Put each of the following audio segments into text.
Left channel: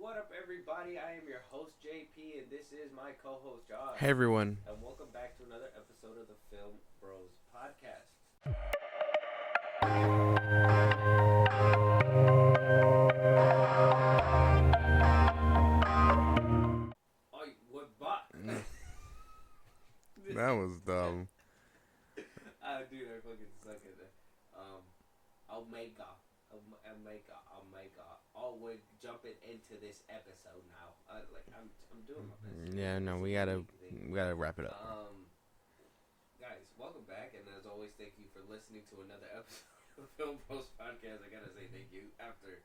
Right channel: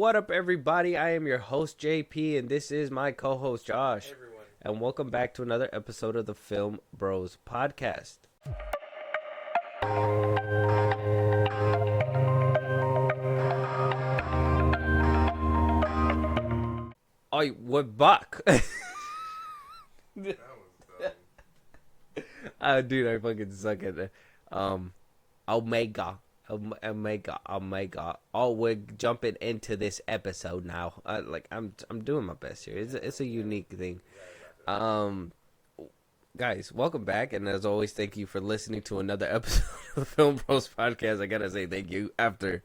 What up, everybody? I am your host, JP, and this is my co-host, Josh. Hey, everyone. And welcome back to another episode of the Film Bros podcast. Oh, we're back. That was dumb. Dude, I fucking suck at it. Omega. Oh, we're jumping into this episode now. I'm doing my best here. It's a unique thing. We gotta wrap it up. Guys, welcome back, and as always, thank you for listening to another episode of the Film Bros podcast. I gotta say thank you after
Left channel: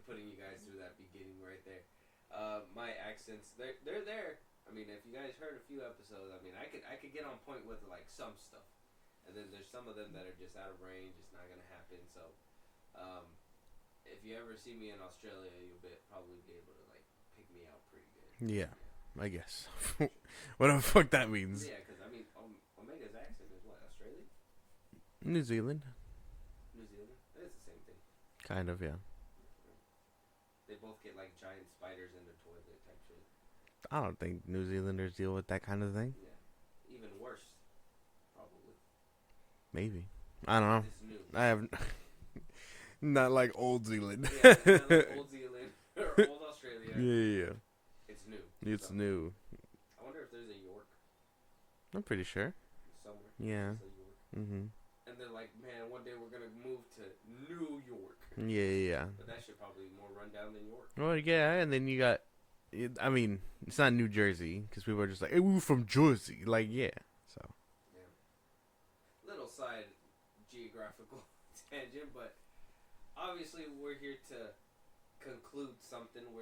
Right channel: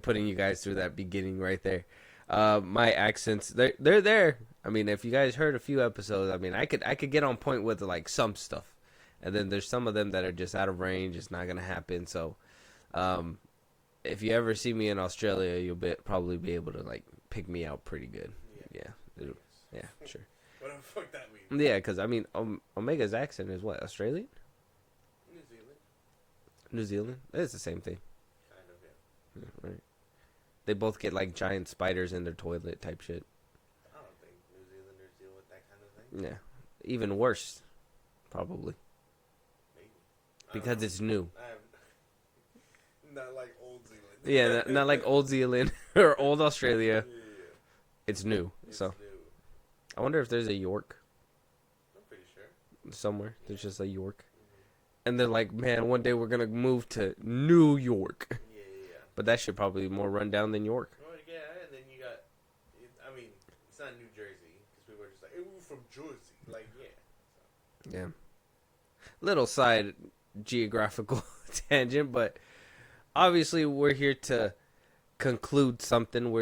putting you guys through that beginning right there. My accents, they're there. I mean, if you guys heard a few episodes, I mean, I could get on point with like some stuff, and then there's some of them that are just out of range. It's not gonna happen. So, if you ever see me in Australia, you'll probably be able to like pick me out pretty good. Yeah, I guess. guess. Yeah, sure. Whatever the fuck that means. Yeah, because I mean, Omega's accent is what, Australian? New Zealand. New Zealand? It's the same thing. Kind of, yeah. Right. They both get like giant spiders in their toilet type shit. I don't think New Zealanders deal with that kind of thing. Yeah, even worse, probably. Maybe. I don't know. Because it's new. I have not like old Zealand. Yeah, not like old Zealand or old Australia. Yeah. It's new. It's new. I wonder if there's a York I'm pretty sure. somewhere. Yeah. There's just a York. Mm-hmm. And they're like, man, one day we're going to move to New York. Yeah. But that should probably be more rundown than York. Well, yeah, and then you got, I mean, it's not New Jersey, because people are just like, hey, we were from Jersey. Like, yeah. So. Yeah. Little side geographical tangent, but obviously we're here to conclude something.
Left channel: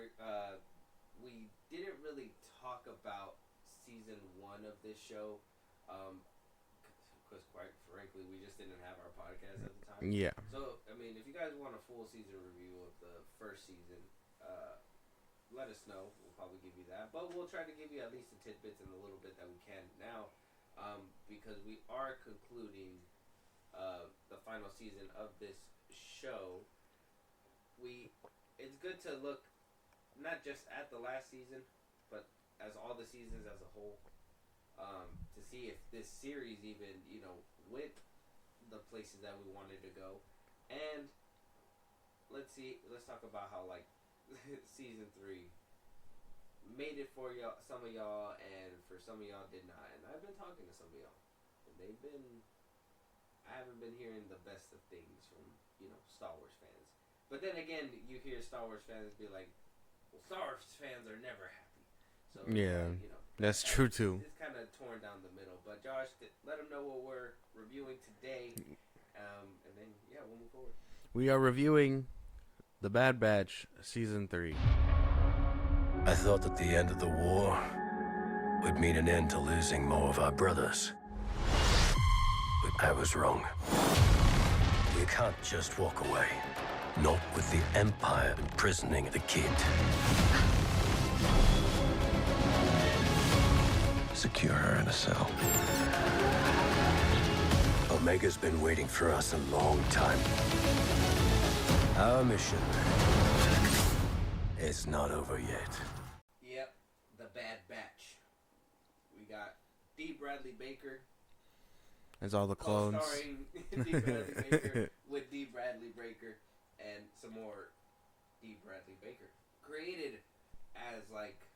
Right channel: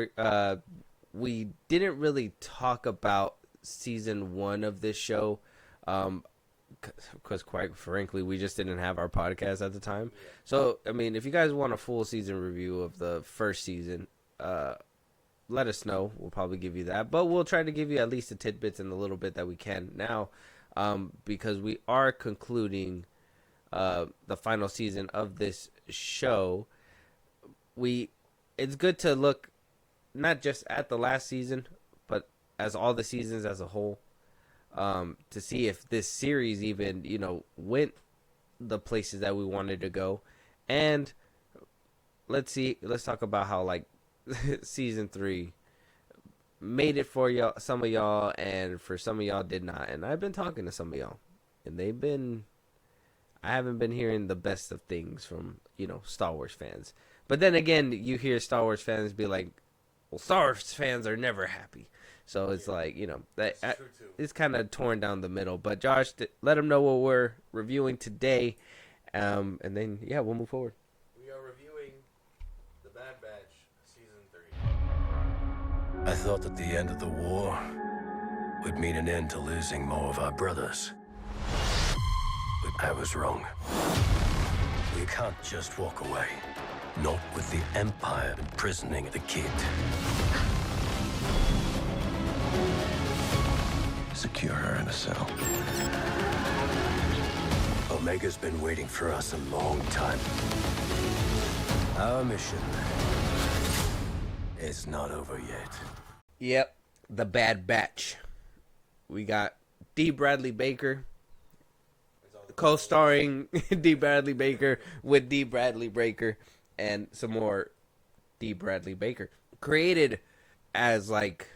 We didn't really talk about season 1 of this show, because quite frankly, we just didn't have our podcast at the time. Yeah. So, I mean, if you guys want a full season review of the first season, let us know. We'll probably give you that. But we'll try to give you at least the tidbits and the little bit that we can now, because we are concluding the final season of this show. It's good to look not just at the last season, but as all the seasons as a whole, to see if this series even, went the places that we wanted to go. And let's talk about how like season 3 made it for y'all, some of y'all, and for some of y'all did not. And I've been talking to some of y'all, and I haven't been hearing the best of things from, Star Wars fans. But then again, you hear Star Wars fans be like, well, Star Wars fans are never happy. So it's like, that's true too. It's kind of torn down the middle. But Josh, let them know what we're reviewing today. And then, we'll move forward. We are reviewing The Bad Batch Season 3. I thought that the end of the war would mean an end to losing more of our brothers. But I was wrong. We can't just walk away. Not with the Empire imprisoning the kid. Secure her in a cell. Omega's been waiting for us a long time. Our mission is not over yet. Yep, The Bad Batch. We got D. Bradley Baker. That's all the co-starring D. Bradley Baker with D. Bradley Baker and some more D. Bradley Baker. Created as like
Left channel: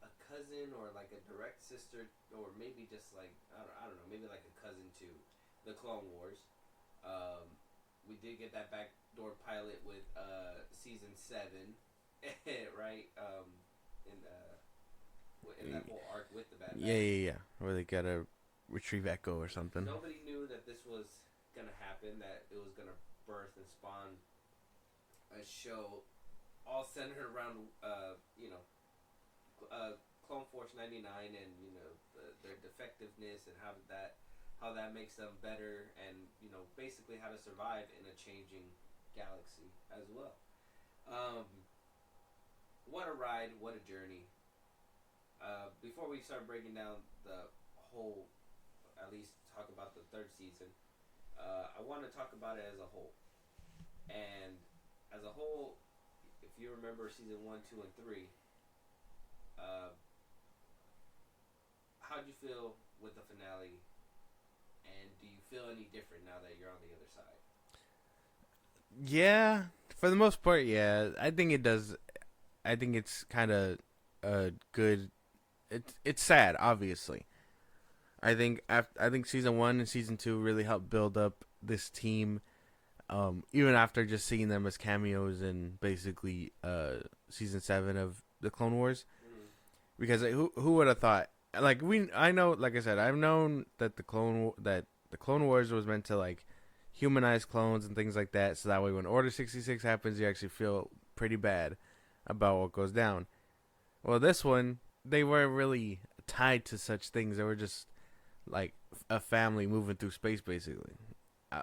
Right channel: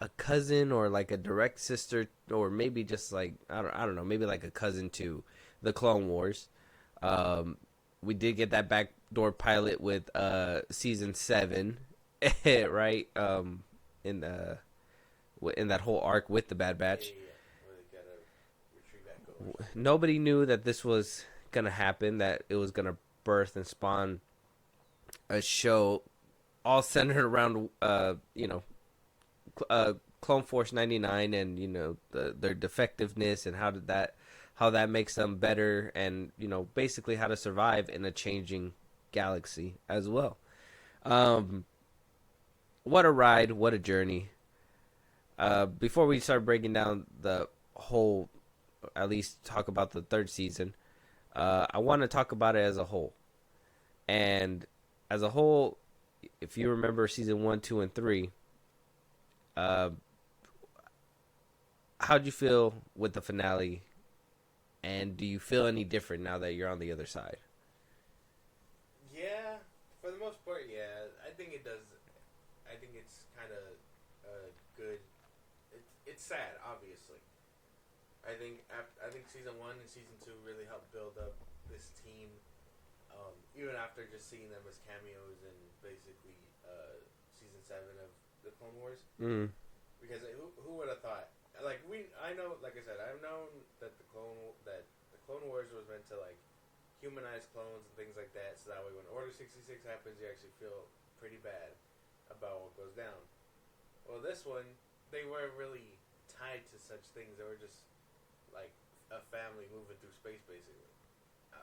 a cousin or like a direct sister, or maybe just like I don't know, maybe like a cousin to the Clone Wars. We did get that backdoor pilot with season 7, right? In that whole arc with the Bad Batch. Yeah. Where they gotta retrieve Echo or something. Nobody knew that this was gonna happen, that it was gonna birth and spawn a show all centered around Clone Force 99 and their defectiveness and how that makes them better, and basically how to survive in a changing galaxy as well. What a ride, what a journey. Before we start breaking down the whole, at least talk about the third season, I want to talk about it as a whole. And as a whole, if you remember season 1, 2, and 3, uh, how'd you feel with the finale? And do you feel any different now that you're on the other side? Yeah, for the most part, yeah. I think it does. I think it's kind of good. It's sad, obviously. I think season 1 and season 2 really helped build up this team. Even after just seeing them as cameos in basically season 7 of the Clone Wars, because who would have thought? Like I know, like I said, I've known that the Clone Wars was meant to like humanize clones and things like that, so that way when Order 66 happens, you actually feel pretty bad about what goes down. Well, this one, they weren't really tied to such things. They were just like a family moving through space, basically.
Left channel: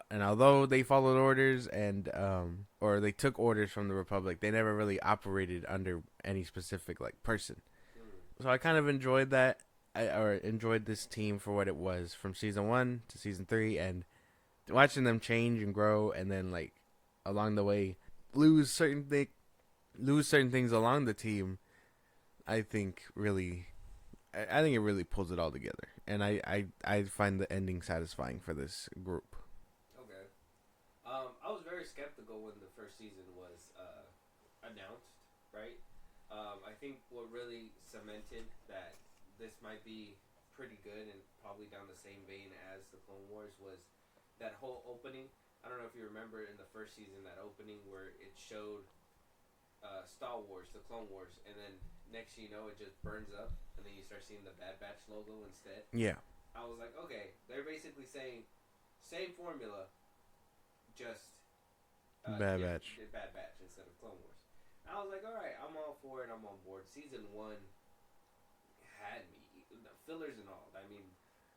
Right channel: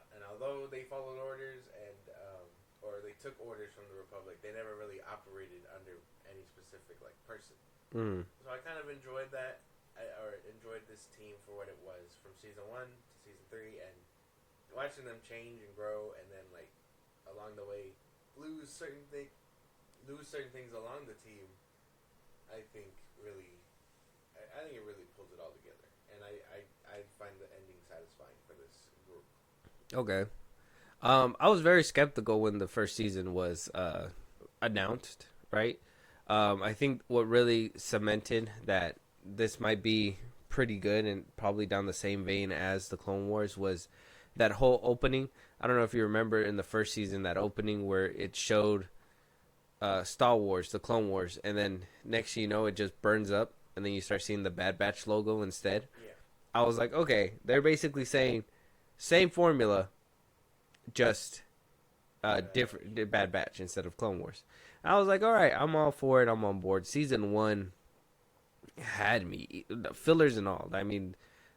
And although they followed orders and or they took orders from the Republic, they never really operated under any specific like person. So I kind of enjoyed that. Or enjoyed this team for what it was from season 1 to season 3, and watching them change and grow, and then like along the way lose certain things along the team. I think it really pulls it all together, and I find the ending satisfying for this group. Okay. I was very skeptical when the first season was announced, right? I think what really cemented that this might be pretty good and probably down the same vein as the Clone Wars was that whole opening. I don't know if you remember in the first season, that opening where it showed Star Wars, the Clone Wars, and then next you know it just burns up, and then you start seeing the Bad Batch logo instead. Yeah. I was like, okay, they're basically saying same formula, just different Bad Batch instead of Clone Wars. I was like, all right, I'm all for it. I'm on board. Season 1 had me, fillers and all. I mean,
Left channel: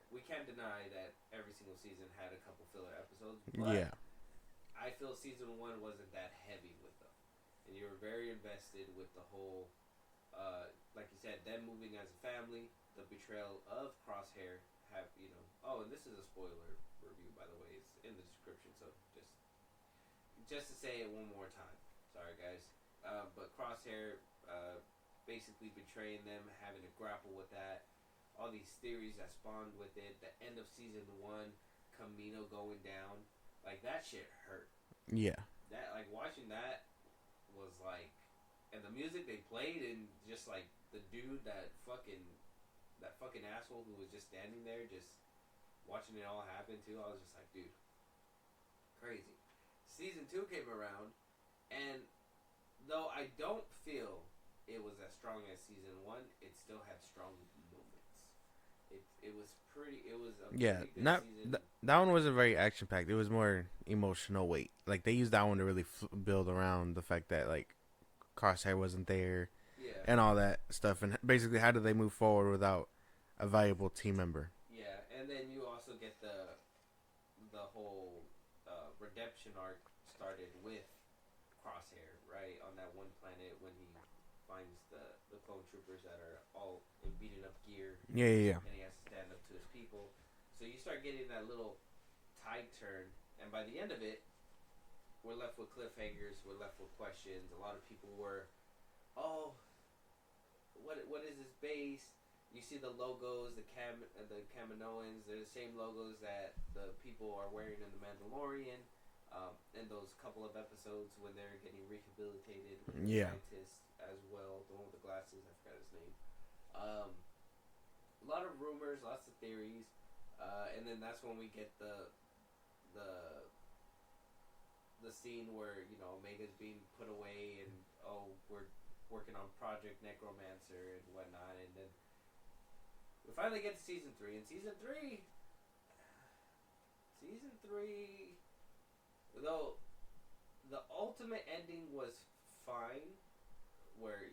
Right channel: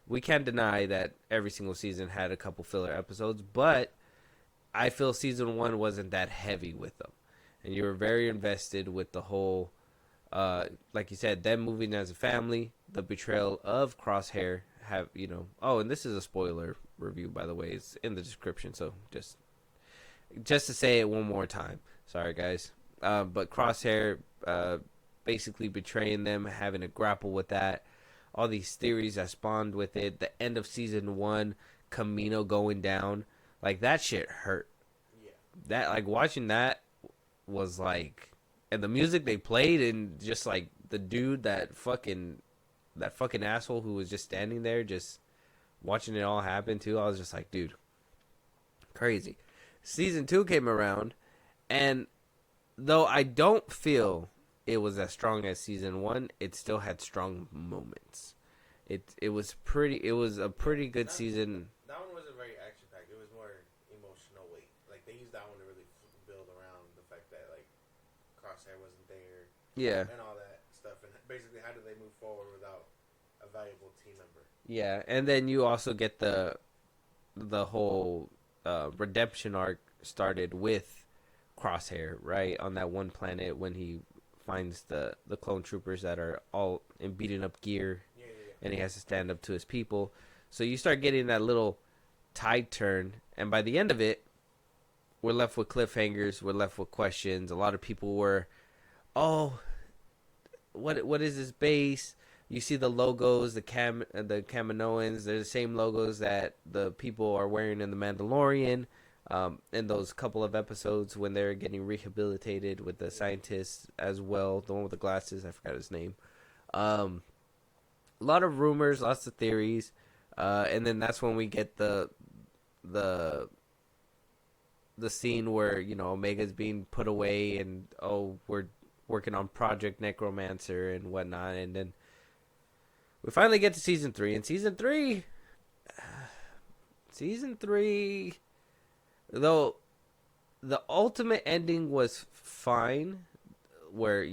we can't deny that every single season had a couple filler episodes, but I feel season 1 wasn't that heavy with them, and you were very invested with the whole, like you said, them moving as a family, the betrayal of Crosshair. Oh, and this is a spoiler review, by the way. It's in the description, so just to say it one more time. Sorry, guys. But Crosshair basically betraying them, having to grapple with that. All these theories that spawned with it. The end of season 1, Camino going down. Like, that shit hurt. Yeah. That, like, watching that was like... And the music they played, and just, like, the dude, that fucking asshole who was just standing there, just watching it all happen, too. I was just like, dude, crazy. Season 2 came around, and though I don't feel it was as strong as season 1, it still had strong moments. It was a pretty good season. That one wasn't very action packed. It was more emotional weight. Like, they used that one to really build around the fact that like Crosshair wasn't there, and all that stuff, and basically how do they move forward without a valuable team member? Yeah, and then you also get the whole redemption arc started with Crosshair, right, on that one planet when he finds the clone troopers that are all in beaten up gear. Yeah. And he has to stand up to his people. So you start getting that little tide turn, and by the end of it, we're left with cliffhangers. We're left with questions. A lot of people were, oh, what is this base? You see the logos, the Kaminoans. They're the same logos that the people are wearing in The Mandalorian. In those couple of episodes when they're getting rehabilitated with the scientists as well, the one with the glasses, I forgot his name. A lot of rumors, lots of theories, and then that's when we get the scene where Omega's being put away, and we're working on Project Necromancer and whatnot, and then we finally get to season 3. And season three, though the ultimate ending was fine, where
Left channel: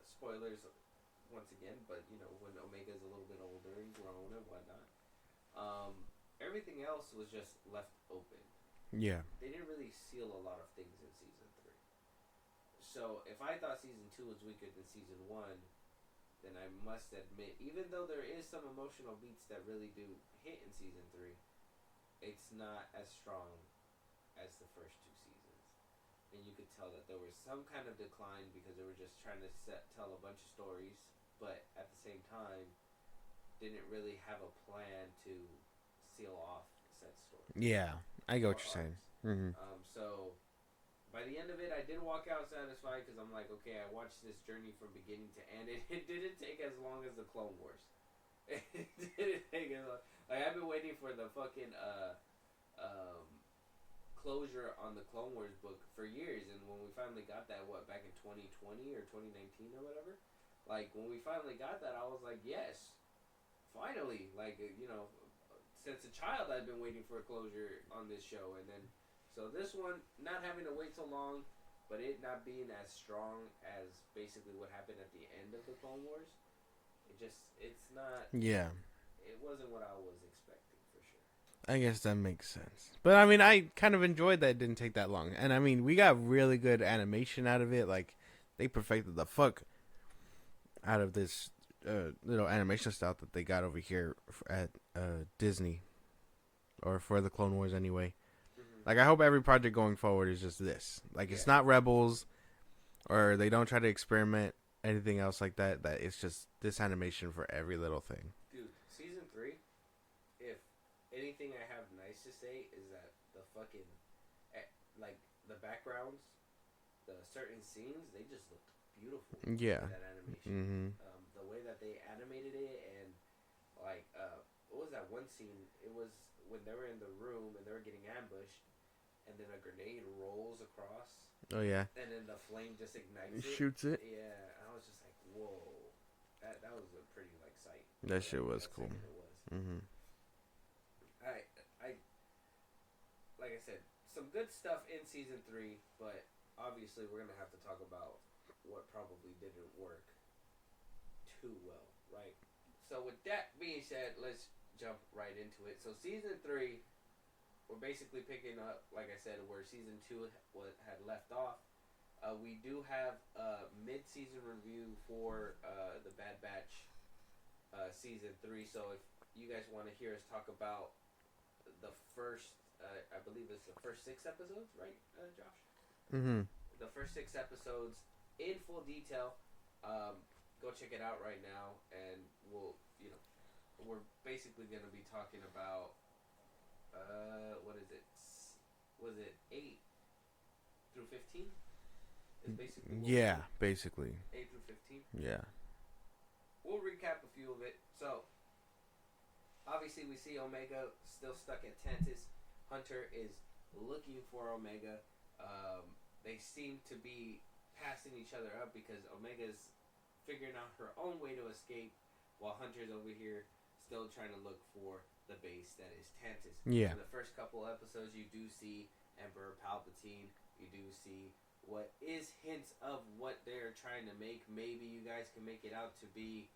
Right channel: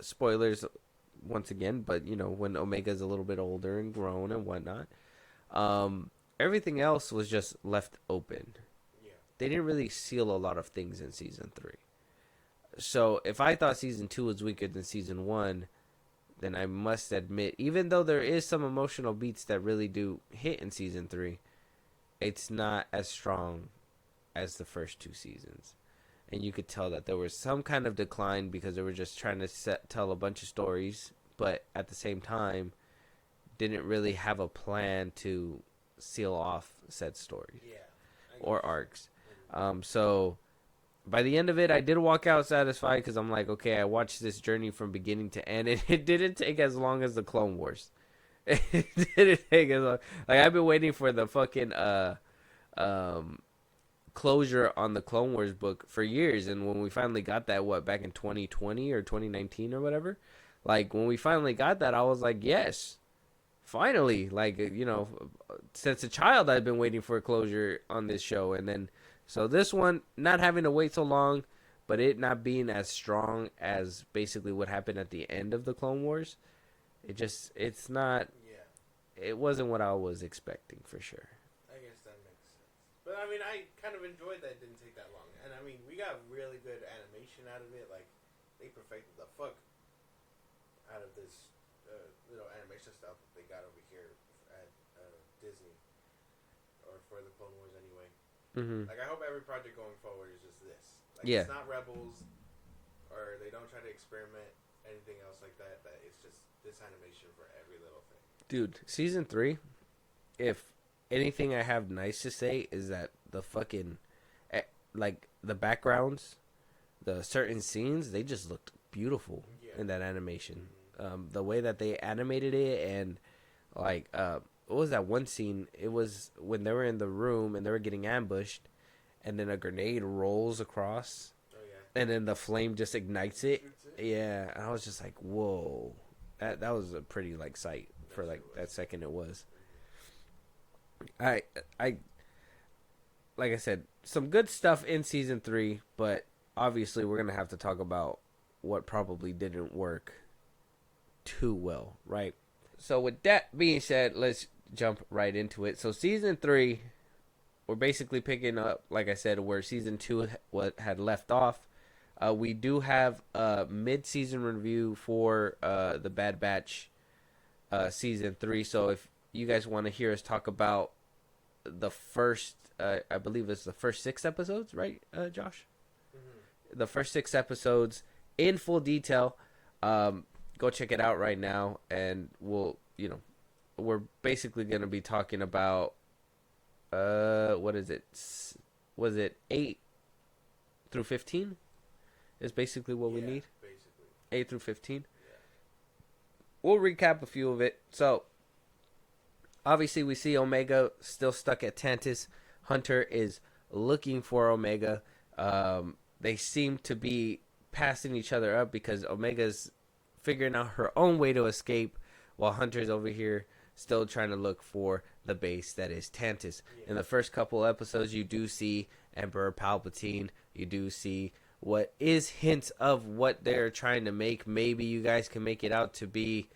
spoilers once again, but when Omega's a little bit older and grown and whatnot, everything else was just left open. Yeah, they didn't really seal a lot of things in season 3. So if I thought season 2 was weaker than season 1, then I must admit, even though there is some emotional beats that really do hit in season 3, it's not as strong as the first 2 seasons. and you could tell that there was some kind of decline because they were just trying to tell a bunch of stories, but at the same time, didn't really have a plan to seal off said story. Yeah, I go or arcs. So by the end of it, I did walk out satisfied because I'm like, okay, I watched this journey from beginning to end, and it didn't take as long as the Clone Wars. It didn't take as long. Like, I've been waiting for the fucking closure on the Clone Wars book for years, and when we finally got that, back in 2020 or 2019 or whatever, like, when we finally got that, I was like, yes, finally. Like, since a child, I've been waiting for a closure on this show, and then so this one, not having to wait so long, but it not being as strong as basically what happened at the end of the Clone Wars. It's not. Yeah. It wasn't what I was expecting, for sure. I guess that makes sense. But, I mean, I kind of enjoyed that it didn't take that long. And, I mean, we got really good animation out of it. Like, they perfected the fuck out of this little animation style that they got over here at Disney. Or for the Clone Wars, anyway. Mm-hmm. Like, I hope every project going forward is just this. Like, Yeah. It's not Rebels, or they don't try to experiment anything else like that. That it's just this animation for every little thing. Dude, season 3, if anything I have nice to say is that the fucking, like, the backgrounds, the certain scenes, they just looked beautiful in that animation. Mm-hmm. The way that they animated it, and, like, what was that one scene? It was when they were in the room and they were getting ambushed, and then a grenade rolls across. Oh, yeah. And then the flame just ignites it. Shoots it. Yeah, and I was just like, whoa. That was a pretty, like, sight. That for, shit like, was that cool. second it was. Mm-hmm. I like I said, some good stuff in season 3, but obviously we're gonna have to talk about what probably didn't work too well, right? So with that being said, let's jump right into it. So season 3, we're basically picking up, like I said, where season 2 had left off. We do have a mid-season review for the Bad Batch season 3. So if you guys want to hear us talk about the first, I believe it's the first 6 episodes, right, Josh? Mm-hmm. The first 6 episodes in full detail, go check it out right now, and we're basically going to be talking about, what is it? Was it 8 through 15? Is basically what we need. Yeah, basically. 8 through 15. Yeah. We'll recap a few of it. So, obviously, we see Omega still stuck at Tantus. Hunter is looking for Omega. They seem to be passing each other up because Omega's figuring out her own way to escape, while Hunter's over here still trying to look for the base that is Tantus. Yeah. In the first couple episodes, you do see Emperor Palpatine. You do see what is hints of what they're trying to make. Maybe you guys can make it out to be,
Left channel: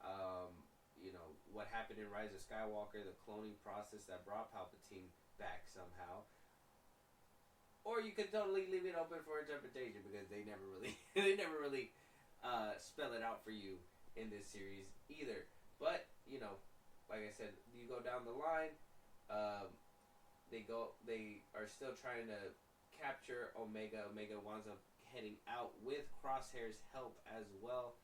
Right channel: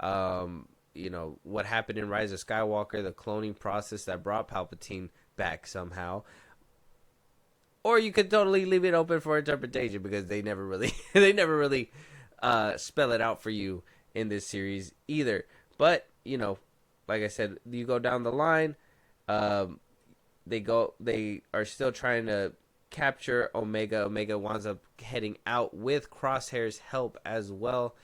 what happened in Rise of Skywalker, the cloning process that brought Palpatine back somehow. Or you could totally leave it open for interpretation because they never really, spell it out for you in this series either. But like I said, you go down the line, they are still trying to capture Omega. Omega winds up heading out with Crosshair's help as well.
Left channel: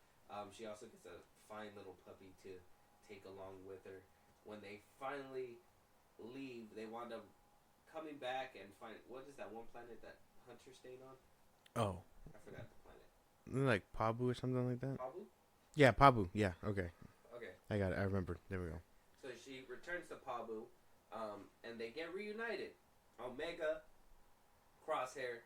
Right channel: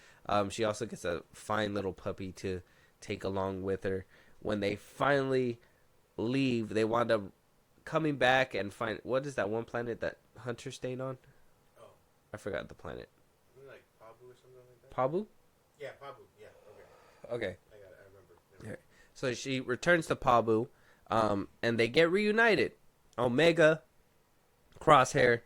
She also gets a fine little puppy to take along with her. When they finally leave, they wind up coming back and find, what is that one planet that Hunter stayed on? Oh, I forgot the planet. Like Pabu or something like that? Pabu? Yeah, Pabu. Yeah, okay. Okay. I got it. I remember. Okay. So she returns to Pabu, and they get reunited. Omega, Crosshair,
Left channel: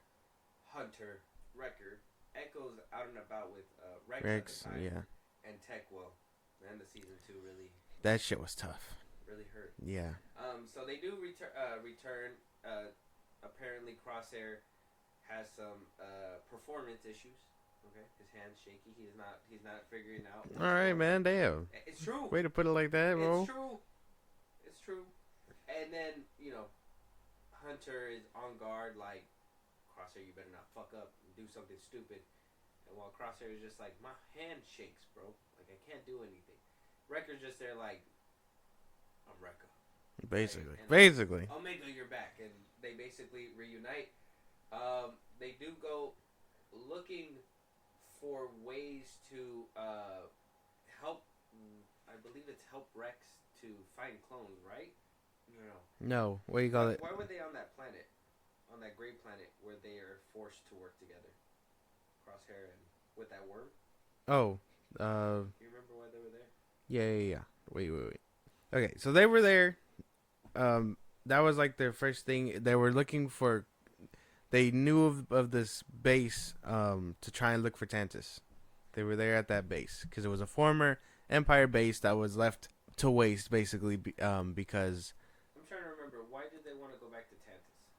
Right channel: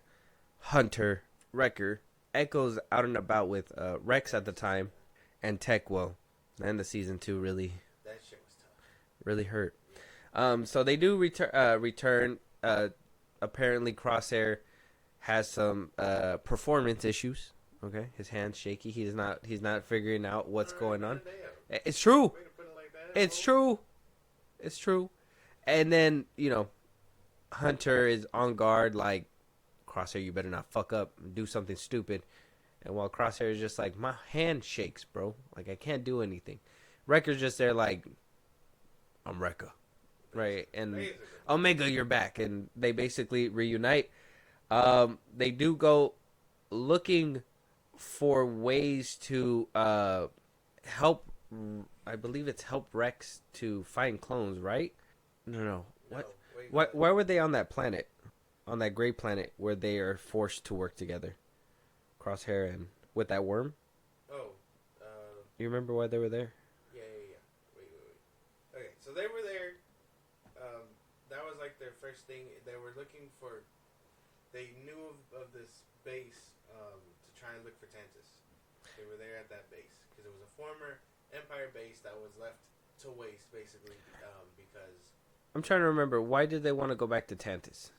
Hunter, Wrecker, Echo's out and about with Rex at the time, yeah. and Tech. Well, and the season 2 really That shit was tough. hurt. Yeah. So they do return. Apparently, Crosshair has some performance issues. Okay, his hand's shaky. He's not figuring out what's All right, going man, on. Damn. It's true. Way to put it like that. It's true. It's true. And then, Hunter is on guard, like, Crosshair, you better not fuck up and do something stupid. And while Crosshair is just like, my hand shakes, bro. Like, I can't do anything. Wrecker's just there like, I'm Wrecker. Basically. Right? And basically. Omega, you're back. And they basically reunite. They do go looking for ways to help. I believe it's help Rex to find clones, right? No. What do you call it? Where were they on that planet? On that gray planet where they are forced to work together? Crosshair and with that worm? Oh, You remember why they were there? yeah. Wait. Okay, so they were there. That was like their first thing. They were looking for. They knew of this base to try and look for Tantus. They were there at that base because it was a former Empire base that was left to waste, basically, because I'm trying to remember. Why did they want to go back to Tantus?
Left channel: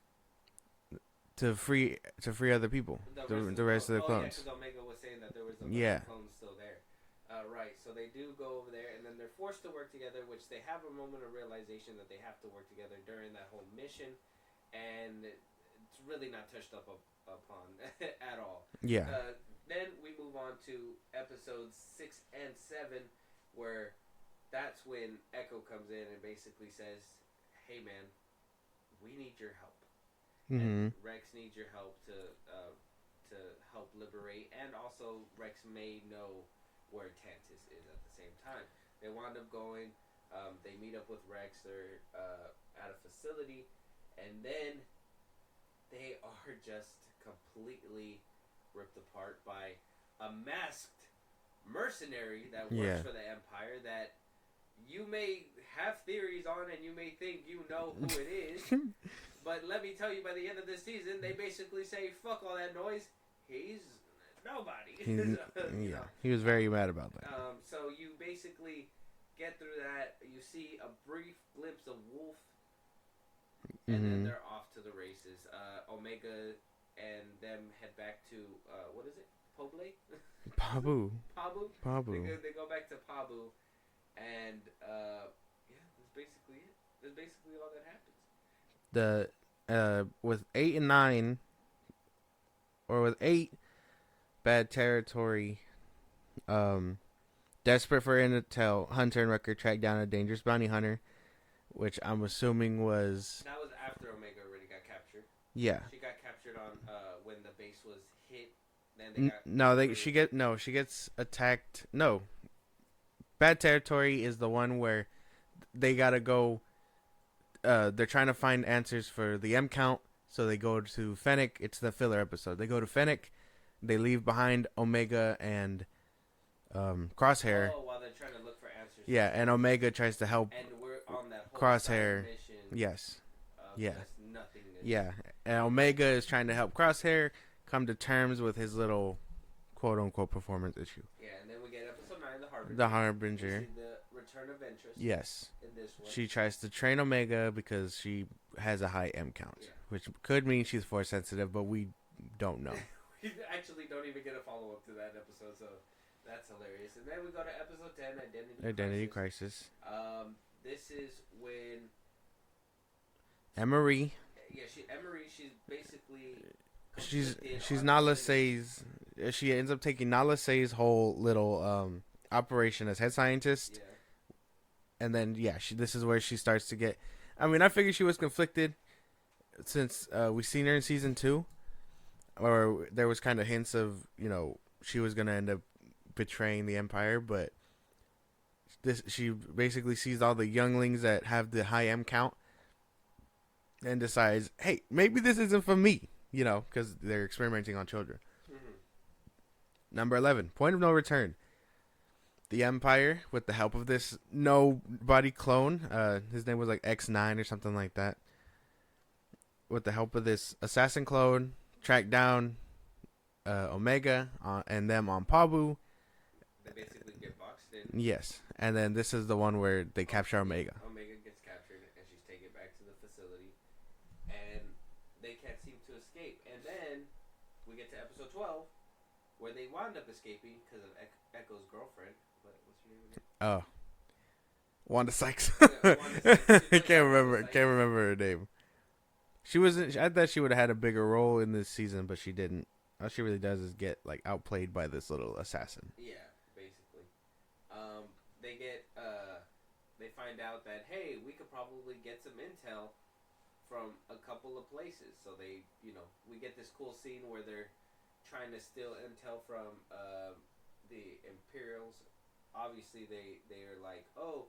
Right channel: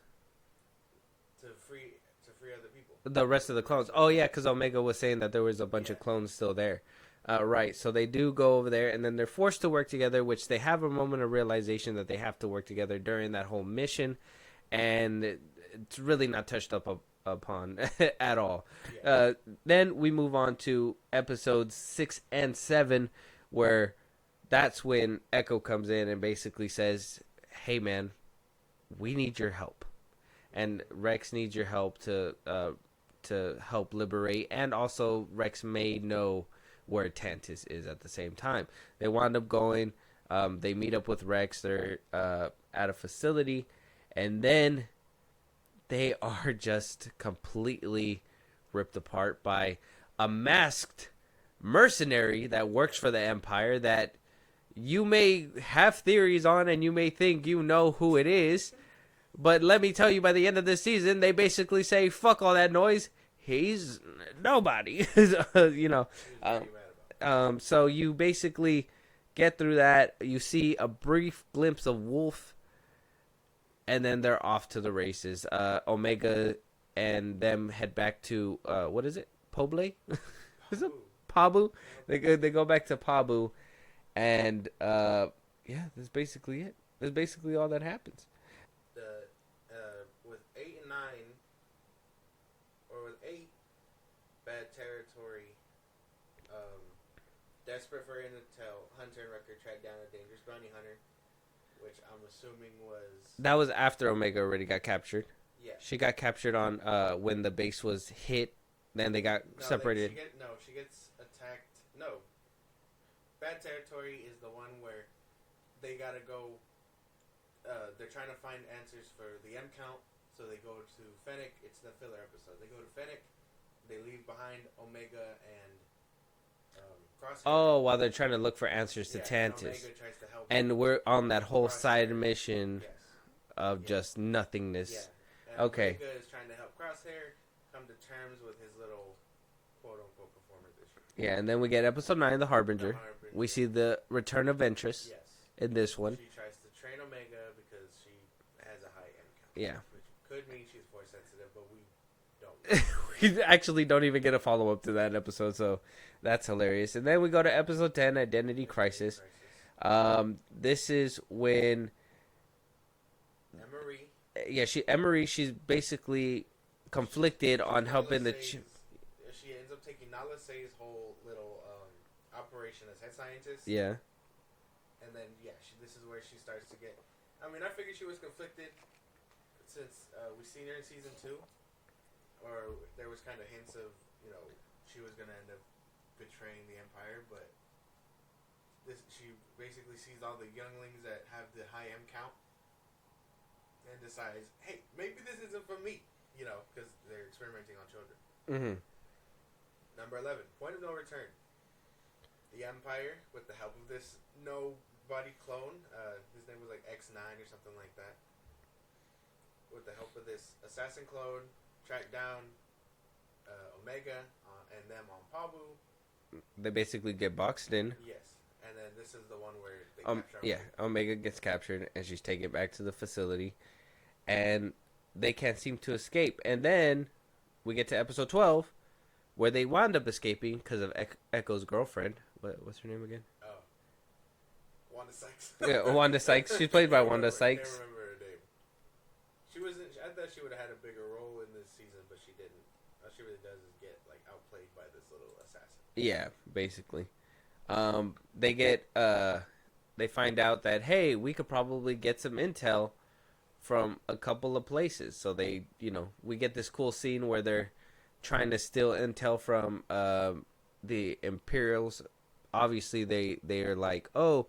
to free other people. The rest of the clones. of Oh, yeah, because Omega was saying that there was a bunch Yeah. of clones still there. Right, so they do go over there, and then they're forced to work together, which they have a moment of realization that they have to work together during that whole mission, and it's really not touched upon at all. Yeah. Then we move on to episodes 6 and 7, where that's when Echo comes in and basically says, hey, man, we need your help. And Rex needs your help to help liberate, and also Rex may know where Tantus is at the same time. They wind up going. They meet up with Rex. They're at a facility, and then they are just completely ripped apart by a masked mercenary that works for the Empire that you may have theories on, and you may think you know who it is. But let me tell you, by the end of this season, they basically say, fuck all that noise. He's nobody. You know. He was very mad about that. So you basically get through that. You see a brief glimpse of Wolf. And then they're off to the races. Omega and them head back to, what is it? Poble? Pabu. Pabu? They go back to Pabu. And, that's basically it. That's basically all that happens. The with 8 and 9, or with 8, Bad Territory, desperate for intel, Hunter and Wrecker track down a dangerous bounty hunter, which I'm assuming was That was after Omega already got captured. yeah. She got captured on when the base was hit. Then they got separated. She gets attacked. No, Bad Territory is the one where they gotta go. They're trying to find answers for the M count, so they go to Fennec. It's the filler episode. They go to Fennec. They leave behind Omega and Crosshair. Oh, while they're trying to look for answers to Tantus. And Omega tries to help. And we're on that whole Crosshair. side mission Yes. of just nothingness. Yeah. And Okay. Omega is trying to help Crosshair come to terms with his little quote-unquote performance issue. Yeah, and then we get episode 9, The Harbinger. The Harbinger. We see the return of Ventress. Yes. In this one. She tries to train Omega because she has a high M count. Yeah. Which could mean she's force sensitive, but we don't know. We actually don't even get a follow-up to that episode, so that's hilarious. And then we go to episode 10, Identity Crisis. This is when Emery. Yeah, she's basically conflicted she's on Nala helping she ends up taking Nala Say's whole little operation as head scientist. Yeah. And then this is where she starts to get. I mean, I figured she was conflicted since we seen her in season 2, or there was kind of hints of she was gonna end up betraying the Empire, but she basically sees all the younglings that have the high M count and decides, hey, maybe this isn't for me, because they're experimenting on children. Mm-hmm. Number 11, Point of No Return. The Empire, with the help of this nobody clone, his name was like X9 or something like that. With the help of this assassin clone, tracked down Omega and them on Pabu. They basically get boxed in. Yes, and then this is the one where they capture Omega. Yeah, Omega gets captured, and she's taken back to the facility, and they can't seem to escape. And then we get to episode 12, where they wound up escaping because of Echo's girlfriend. What's her name again? Oh, Wanda Sykes. Yeah, Wanda Sykes. She's played by Wanda Sykes. Can't remember her name. She wasn't. I thought she would have had a bigger role in this season, but she didn't. All she really does is get outplayed by this little assassin. Yeah, basically. They find out that, hey, we could probably get some intel from a couple of places. So they, we get this cool scene where they're trying to steal intel from the Imperials. Obviously, they are like, oh,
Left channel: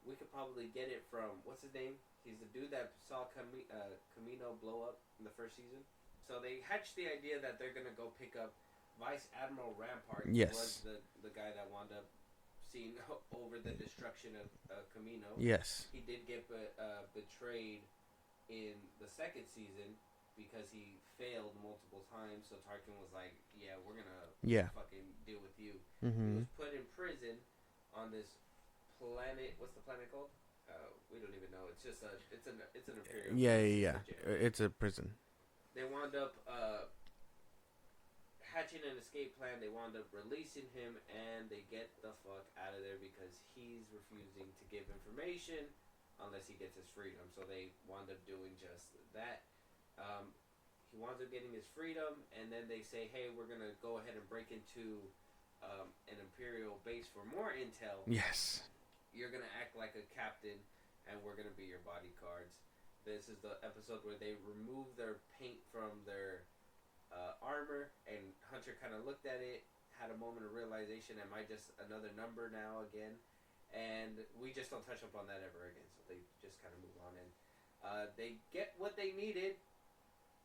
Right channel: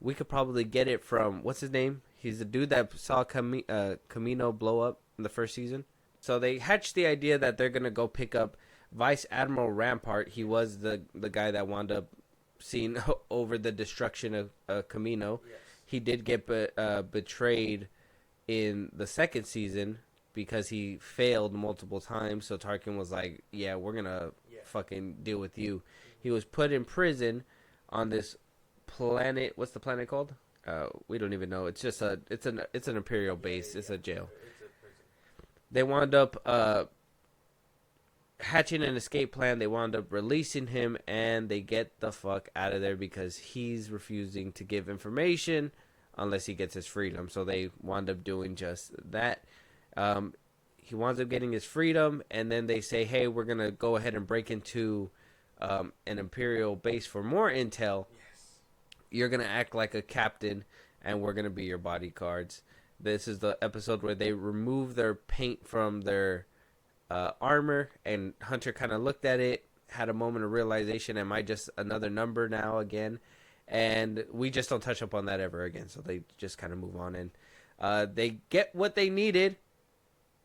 we could probably get it from, what's his name? He's the dude that saw Camino blow up in the first season. So they hatched the idea that they're gonna go pick up Vice Admiral Rampart. He was the guy that wound up seeing over the destruction of Camino. Yes, he did get betrayed in the second season because he failed multiple times. So Tarkin was like, "Yeah, we're gonna fucking deal with you." Mm-hmm. He was put in prison on this planet. What's the planet called? We don't even know. It's just it's an Imperial base. It's a jail. It's a prison. They wound up hatching an escape plan. They wound up releasing him, and they get the fuck out of there because he's refusing to give information unless he gets his freedom. So they wound up doing just that. He winds up getting his freedom, and then they say, hey, we're going to go ahead and break into an Imperial base for more intel. Yes. You're going to act like a captain, and we're going to be your bodyguards. This is the episode where they remove their paint from their armor, and Hunter kind of looked at it, had a moment of realization, am I just another number now again? And we just don't touch up on that ever again, so they just kind of move on, and they get what they needed,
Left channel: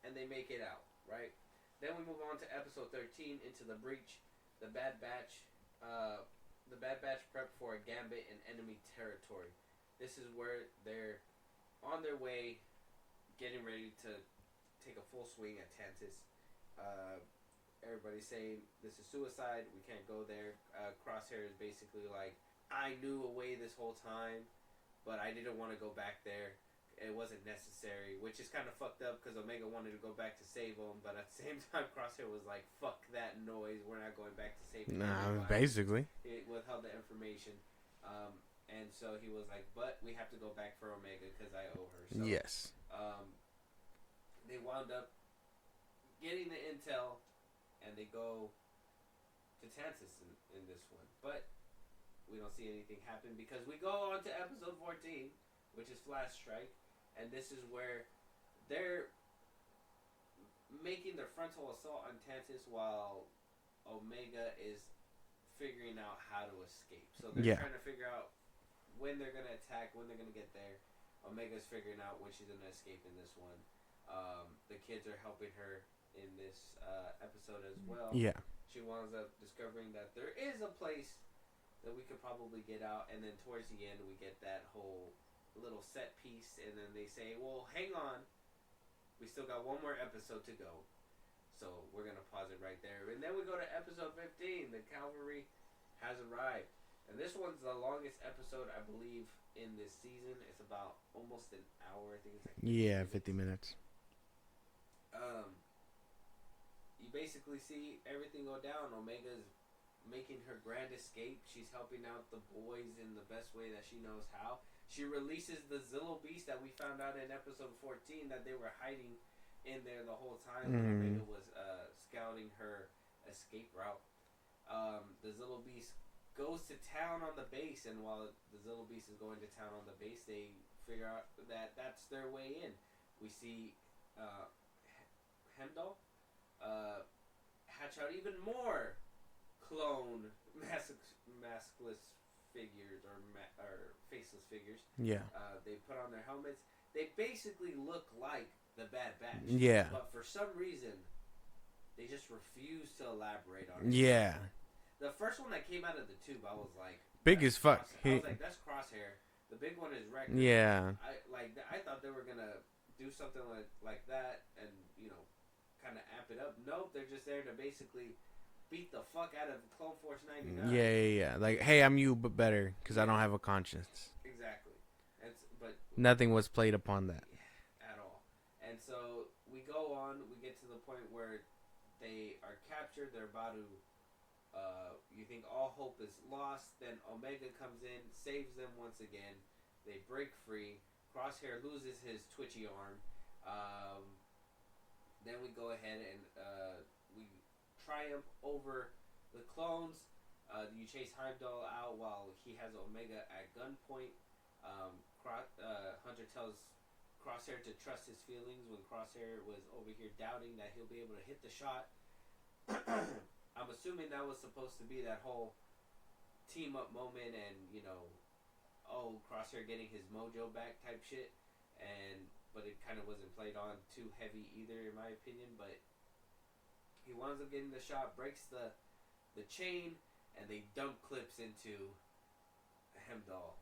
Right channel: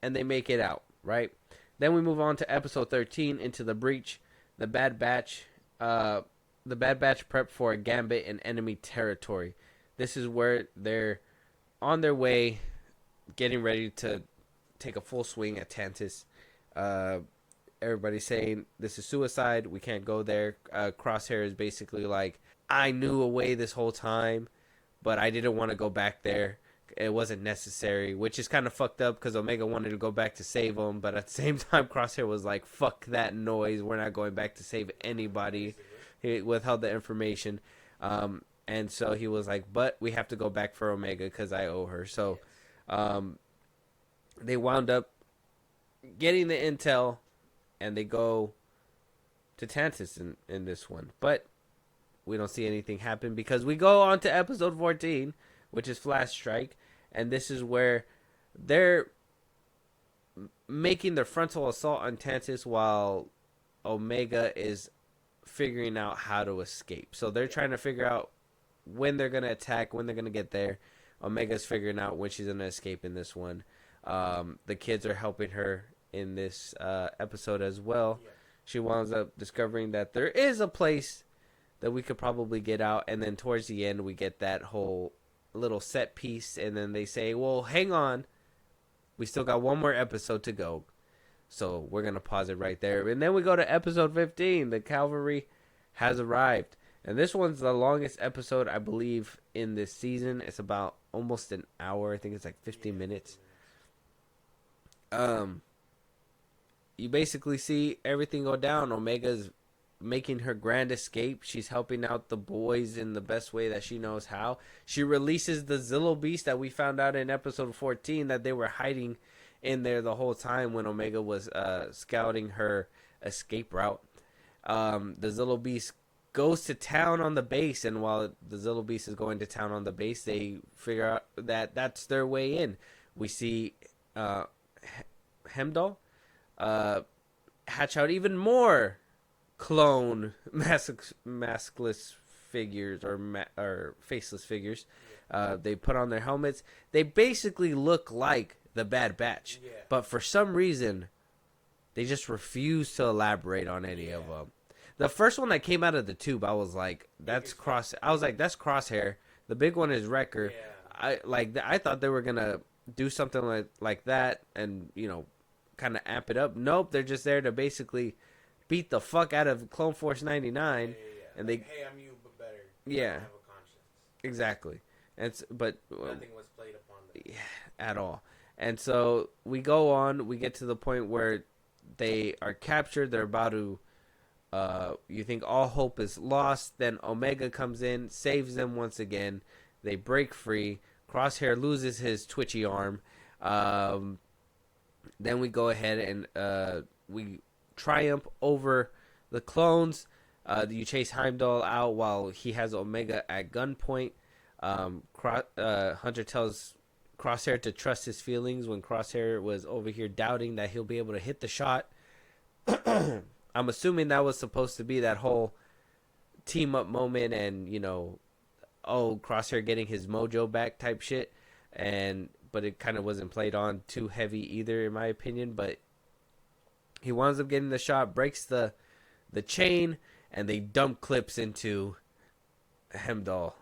and they make it out, right? Then we move on to episode 13, Into the Breach. The Bad Batch prep for a gambit in enemy territory. This is where they're on their way, getting ready to take a full swing at Tantus. Everybody's saying this is suicide. We can't go there. Crosshair is basically like, I knew a way this whole time, but I didn't want to go back there. It wasn't necessary, which is kind of fucked up because Omega wanted to go back to save him, but at the same time, Crosshair was like, fuck that noise. We're not going back to save anybody. Basically. He withheld the information. And so he was like, but we have to go back for Omega because I owe her. So yes. They wound up getting the intel, and they go to Tantus in this one. But we don't see anything happen because we go on to episode 14, which is Flash Strike. And this is where they're making their frontal assault on Tantus while Omega is figuring out how to escape. So they're trying to figure out when they're going to attack, when they're going to get there. Omega's figuring out when she's going to escape in this one. The kids are helping her in this episode as well. Yeah. She winds up discovering that there is a place that we could probably get out. And then towards the end, we get that whole little set piece. And then they say, well, hang on. We still got one more episode to go. So we're going to pause it right there. And then we go to episode 15. The cavalry has arrived. And this one's the longest episode, I believe, in this season. It's about almost an hour. I think it's like 50 minutes. 50 minutes. You basically see everything go down. Omega's making her grand escape. She's helping out the boys in the best way that she knows how. She releases the Zillo Beast that we found out in episode 14 that they were hiding in there the whole time when Omega was scouting her escape route. The Zillo Beast goes to town on the base, and while the Zillo Beast is going to town on the base, they figure out that that's their way in. We see Hemdall hatch out even more clone maskless figures or faceless figures. Yeah. They put on their helmets. They basically look like the Bad Batch. Yeah. But for some reason, they just refuse to elaborate on it. Yeah. The first one that came out of the tube, I was like, big as fuck. I was like, that's Crosshair. The big one is Wrecker. Yeah. I thought they were gonna do something like that and kind of amp it up. Nope, they're just there to basically beat the fuck out of Clone Force 99. Yeah. Like, hey, I'm you, but better because I don't have a conscience. Exactly. But nothing was played upon that at all. And so we go on. We get to the point where they are captured. They're about to. You think all hope is lost. Then Omega comes in, saves them once again. They break free. Crosshair loses his twitchy arm. Then we go ahead and we triumph over the clones. You chase Heimdall out while he has Omega at gunpoint. Hunter tells Crosshair to trust his feelings when Crosshair was over here doubting that he'll be able to hit the shot. I'm assuming that was supposed to be that whole team up moment and, Crosshair getting his mojo back type shit. But it kind of wasn't played on too heavy either, in my opinion. But he winds up getting the shot, breaks the chain, and they dump clips into Hemlock.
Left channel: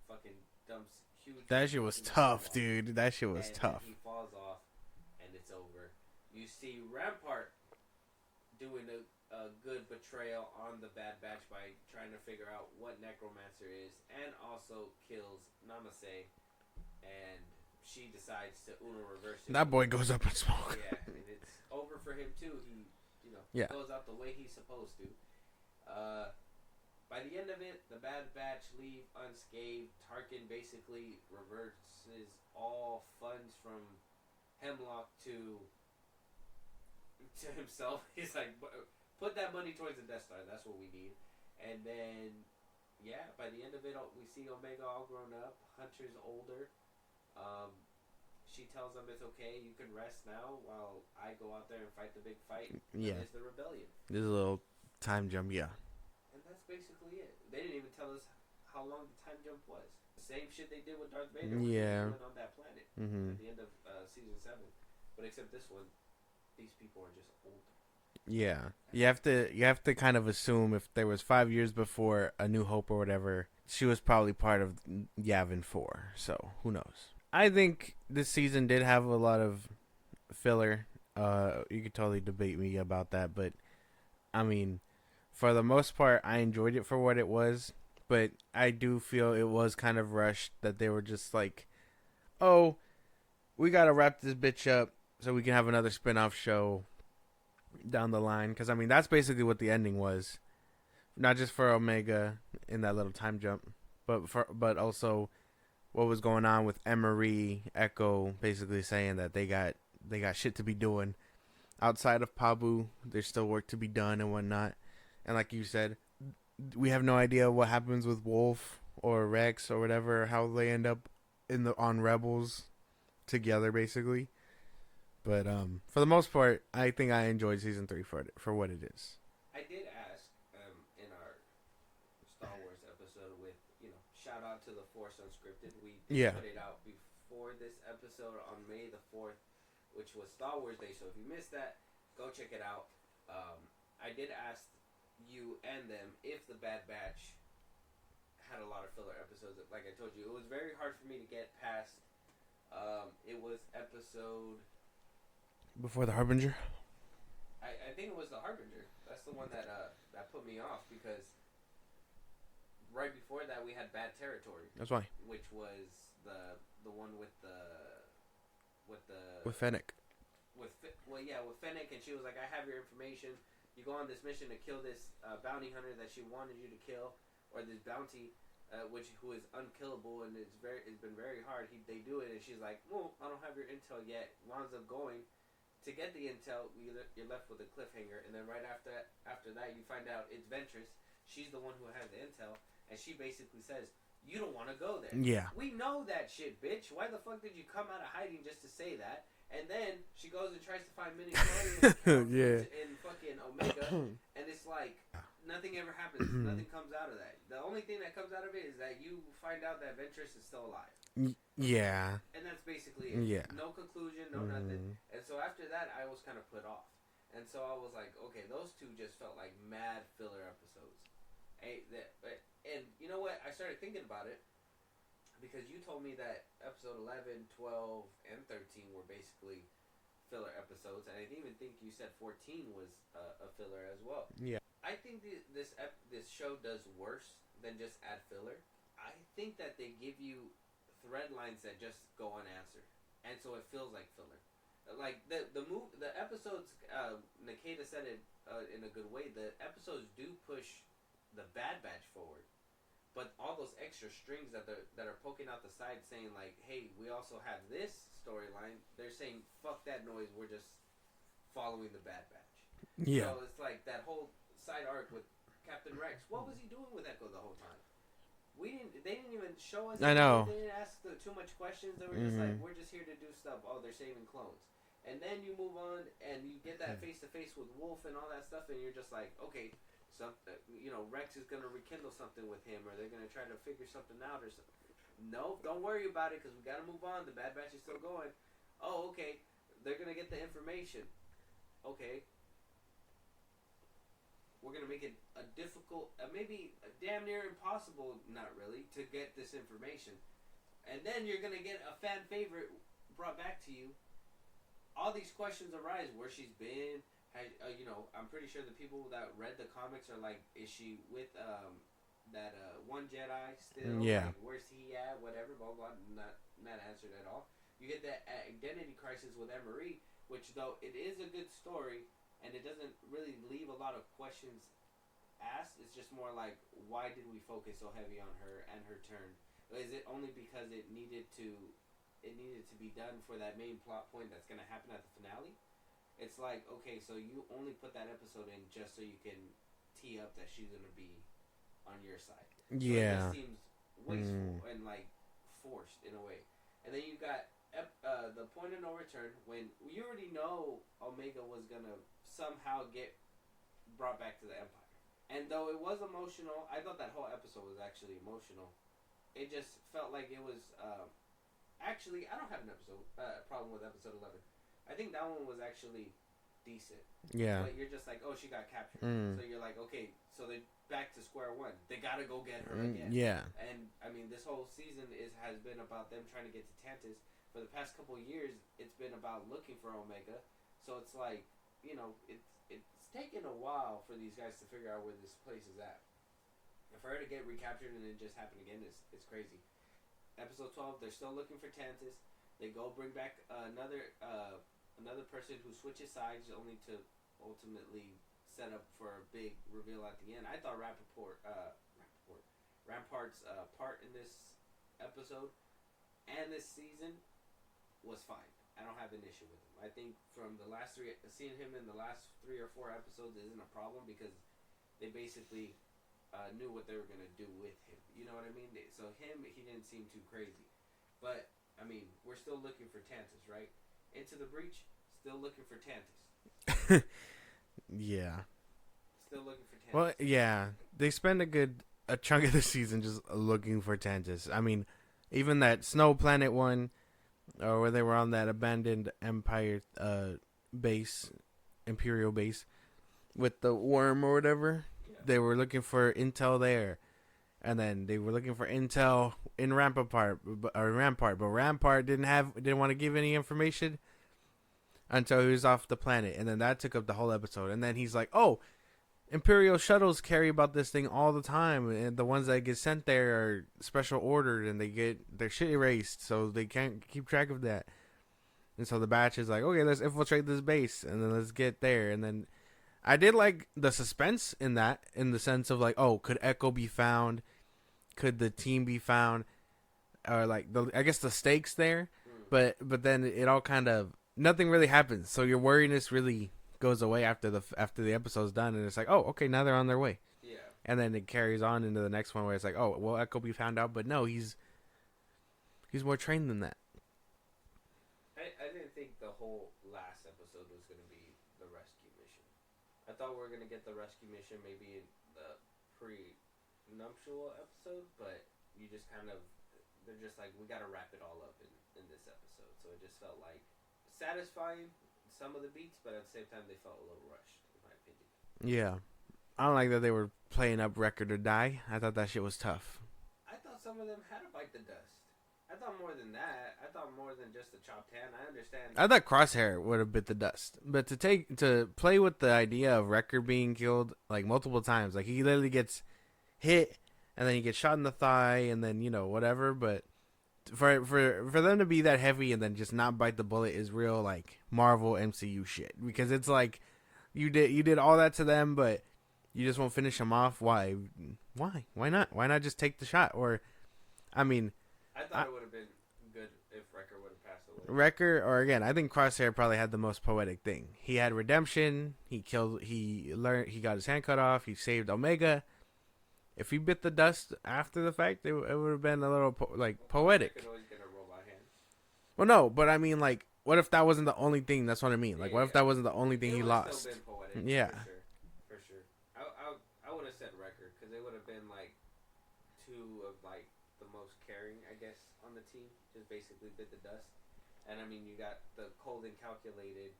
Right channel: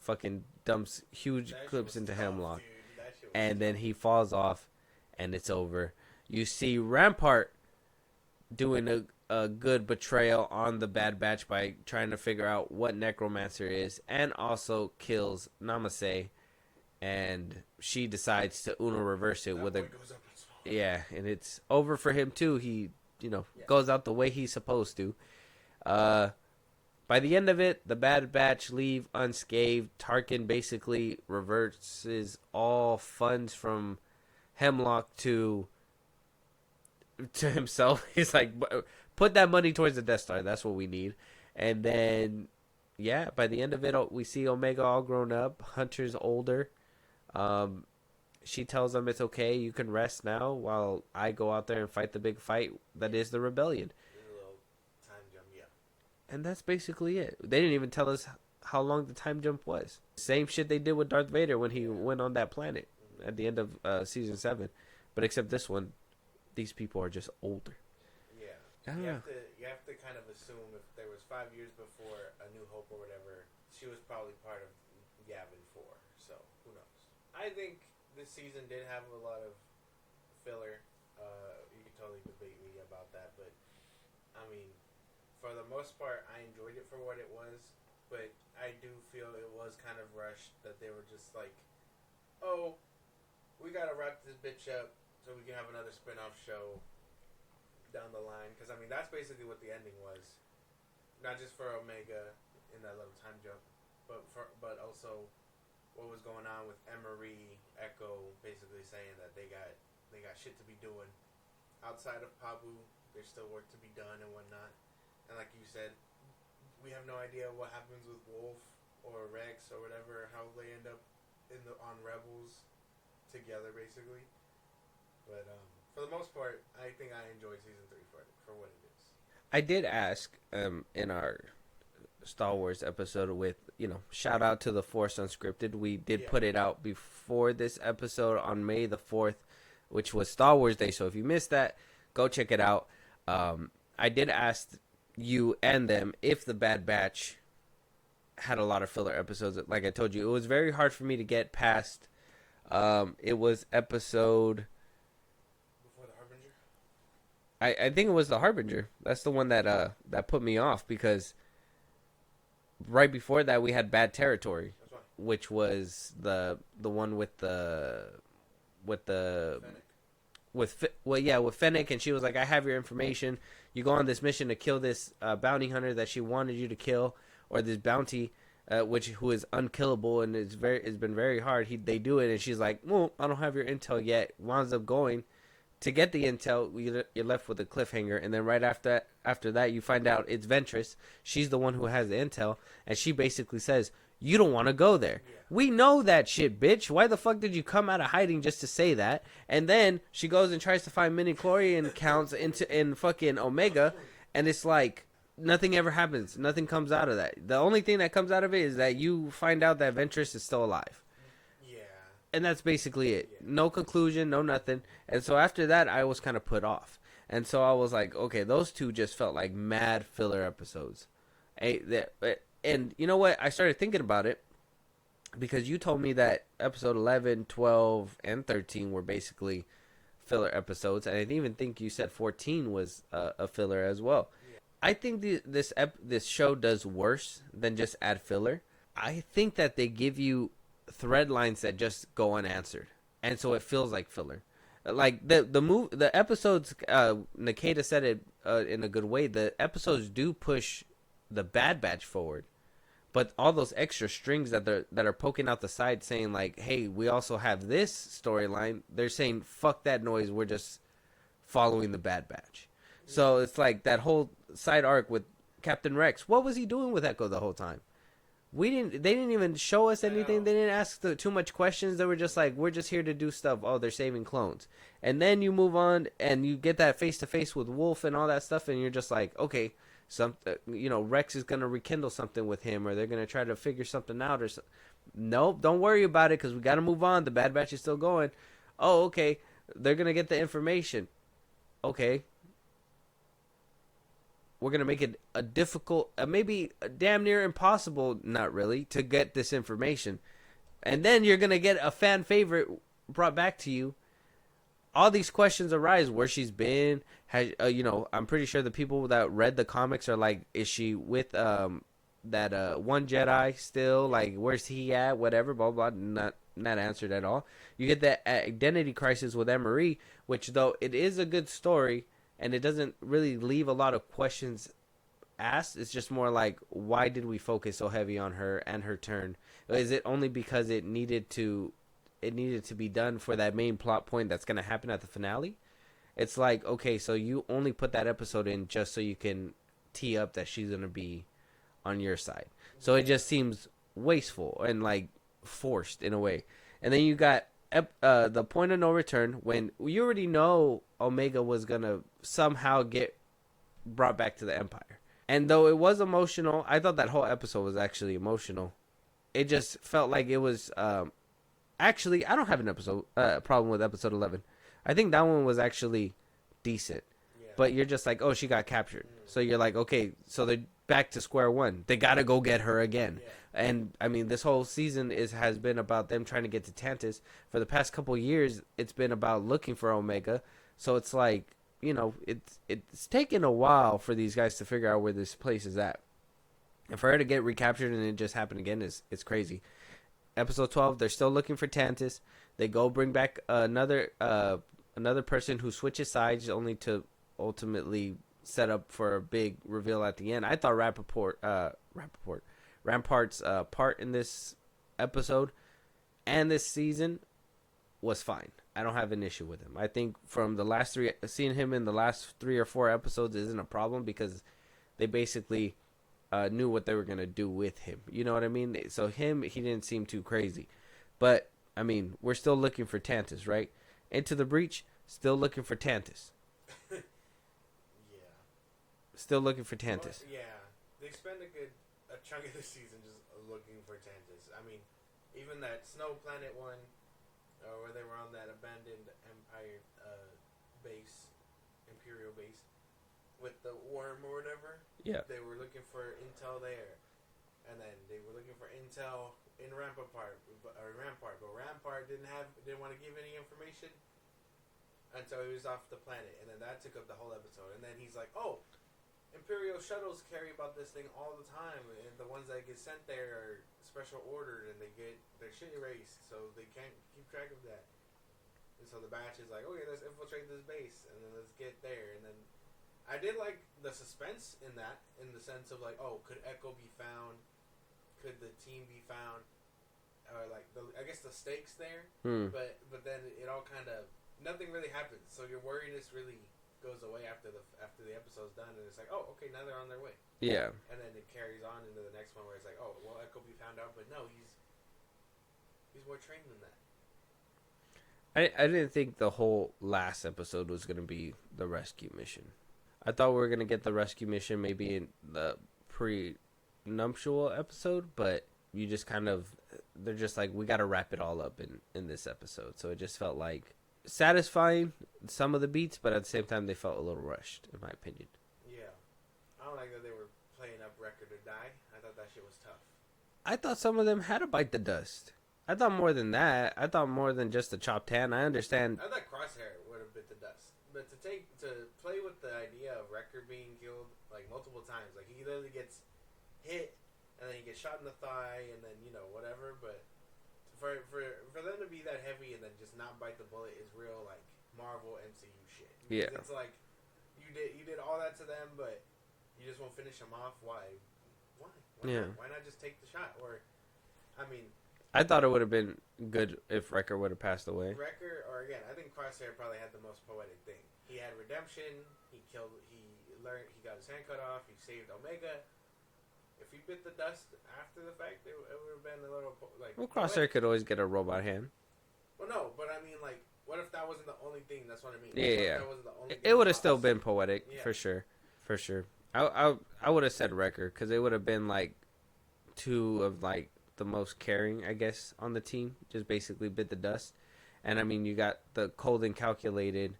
Fucking dumps huge That shit clips was into tough, Hemlock. dude. That shit was tough. And then he falls off, and it's over. You see Rampart doing a good betrayal on the Bad Batch by trying to figure out what Necromancer is, and also kills Namaste, and she decides to Uno reverse it. That boy goes up in smoke. Yeah, and it's over for him too. He, goes out the way he's supposed to. By the end of it, the Bad Batch leave unscathed. Tarkin basically reverses all funds from Hemlock to himself. He's like, put that money towards the Death Star. That's what we need. And then, yeah, by the end of it, we see Omega all grown up. Hunter's older. She tells him it's okay. You can rest now while I go out there and fight the big fight that is the rebellion. There's a little time jump, yeah. And that's basically it. They didn't even tell us how long the time jump was. Same shit they did with Darth Vader when he went on that planet at the end of season 7. But except this one, these people are just older. Yeah. You have to kind of assume if there was 5 years before A New Hope or whatever, she was probably part of Yavin 4. So who knows? I think this season did have a lot of filler. You could totally debate me about that, but I mean, for the most part, I enjoyed it for what it was, but I do feel it was kind of rushed that they were just like, oh, we got to wrap this bitch up so we can have another spin-off show down the line. Because, I mean, that's basically what the ending was. Not just for Omega in that little time jump, but also what was going on with Emery, Echo, basically saying that they got shit to be doing. Outside of Pabu, there's still work to be done and whatnot. And like you said, we have no idea what happens with Wolf or Rex or whatever, how they end up on Rebels together, basically. But for the most part, I think I enjoyed season 3 for what it is. I did ask in our Star Wars episode with, shout out to the Force Unscripted. We did put it out before this episode on May the 4th, which was Star Wars Day. So if you missed that, go check it out. I did ask you and them if the Bad Batch had a lot of filler episodes. Like I told you, it was very hard for me to get past. It was episode Before the Harbinger. I think it was the Harbinger. That's the one that put me off, because right before that we had Bad Territory. That's why. Which was the one with Fennec. With Fennec, and she was like, I have your information. You go on this mission to kill this bounty hunter that she wanted you to kill, or this bounty, who is unkillable, and it's been very hard. They do it, and she's like, well, I don't have your intel yet. Winds up going to get the intel. You're left with a cliffhanger, and then right after that, you find out it's Ventress. She's the one who has the intel, and she basically says, you don't want to go there. Yeah. We know that shit, bitch. Why the fuck did you come out of hiding just to say that? And then she goes and tries to find midi-chlorian accounts in fucking Omega, and it's like nothing ever happens. Nothing comes out of that. The only thing that comes out of it is that you find out that Ventress is still alive. Yeah. And that's basically it. Yeah. No conclusion, no nothing. And so after that, I was kind of put off. And so I was like, okay, those two just felt like mad filler episodes. And you know what? I started thinking about it because you told me that episode 11, 12, and 13 were basically filler episodes. And I didn't even think you said 14 was a filler as well. Yeah. I think this show does worse than just add filler. I think that they give you thread lines that just go unanswered. And so it feels like filler. Like the episodes, Nikita said it in a good way. The episodes do push the Bad Batch forward, but all those extra strings that are poking out the side saying like, hey, we also have this storyline, they're saying fuck that noise, we're just following the Bad Batch. So it's like that whole side arc with Captain Rex. What was he doing with Echo the whole time? They didn't even show us I anything. know. They didn't ask too much questions. They were just like, we're just here to do stuff. Oh, they're saving clones. And then you move on and you get that face to face with Wolf and all that stuff, and you're just like, okay, Rex is gonna rekindle something with him, or they're gonna try to figure something out, or nope, don't worry about it because we gotta move on. The Bad Batch is still going. Oh, okay, they're gonna get the information. Okay, we're gonna make it a difficult, maybe a damn near impossible, not really, to get this information, and then you're gonna get a fan favorite brought back to you. All these questions arise: where she's been. I'm pretty sure the people that read the comics are like, is she with that one Jedi still? Yeah. Like, where's he at? Whatever, blah blah. Not answered at all. You get that identity crisis with Emery, which though it is a good story and it doesn't really leave a lot of questions asked. It's just more like, why did we focus so heavy on her and her turn? Is it only because it needed to be done for that main plot point that's going to happen at the finale? It's like, okay, so you only put that episode in just so you can tee up that she's going to be on your side. So it just seems wasteful and like forced in a way. And then you got the point of no return, when you already know Omega was going to somehow get brought back to the Empire. And though it was emotional, I thought that whole episode was actually emotional. It just felt like it was... Actually, I don't have an problem with episode 11. I think that one was actually decent. Yeah. But you're just like, oh, she got captured. So you're like, okay, so they're back to square one. They got to go get her again. Yeah. And I mean, this whole season has been about them trying to get to Tantus. For the past couple of years, it's been about looking for Omega. So it's like, it's taken a while for these guys to figure out where this place is at. And for her to get recaptured and it just happened again it's crazy. Episode 12, they're still looking for Tantus. They go bring back another person who switches sides, only to ultimately set up for a big reveal at the end. I thought Rampart's part in this episode and this season was fine. I don't have an issue with him. I think from the last three, seeing him in the last 3 or 4 episodes isn't a problem because they basically knew what they were going to do with him. You know what I mean? So he didn't seem too crazy. But, I mean, we're still looking for Tantus, right? Into the Breach, still looking for Tantus. Yeah. Still looking for Tantus. Well, yeah. They spend a chunk of the season just looking for Tantus. I mean, even that Snow Planet one, or where they were on that abandoned Empire base, Imperial base, with the worm or whatever. Yeah. They were looking for intel there. And then they were looking for intel in Rampart, but Rampart didn't want to give any information until he was off the planet. And then that took up the whole episode. And then he's like, oh, Imperial shuttles carry about this thing all the time, and the ones that get sent there are special ordered, and they get their shit erased, so they can't keep track of that. And so the batch is like, okay, let's infiltrate this base, and then let's get there. And then I did like the suspense in that, in the sense of like, oh, could Echo be found? Could the team be found? Or like, I guess the stakes there. But then it all kind of, nothing really happens. So your worriness really goes away after the episode's done, and it's like, oh, okay, now they're on their way. Yeah. And then it carries on into the next one where it's like, oh, well, Echo be found out, but no, he's more trained than that. I didn't think the whole last episode was going to be the rescue mission. I thought we were going to get the rescue mission maybe in the pre-nuptial episode, but you just kind of, they're just like, we got to wrap it all up in this episode. So it just felt like satisfying some of the beats, but at the same time they felt a little rushed, in my opinion. Yeah. I don't like that they were playing up Record or Die. I thought that shit was tough. I thought some of them had to bite the dust. I thought more than that. I thought more than just the chopped hand. I understand. I thought Crosshair would have bit the dust. But to play with the idea of Record being killed like multiple times, like he literally gets hit and then he gets shot in the thigh and then, whatever, but for them to be that heavy and then just not bite the bullet is real like Marvel MCU shit, because it's like you did all that to them, but you just won't finish them off. Why not just take the shot? Or I mean, I thought it would have been good if Wrecker would have passed away. Wrecker, or again, I think Crosshair probably had the most poetic thing. He had redemption. He got his hand cut off. He saved Omega, If he bit the dust after the fact, it would have been a little Well, Crosshair poetic. could always get a robot hand. Well, no, but I mean, like, what if that wasn't the only thing? That's what I mean. Like, Yeah, what yeah. if that wasn't the only thing? It he would have still lost? been poetic, Yeah. for sure. I would have said Wrecker because it would have been like two of like the most caring, I guess, on the team. Just basically bit the dust, and I mean, you got the cold and calculated,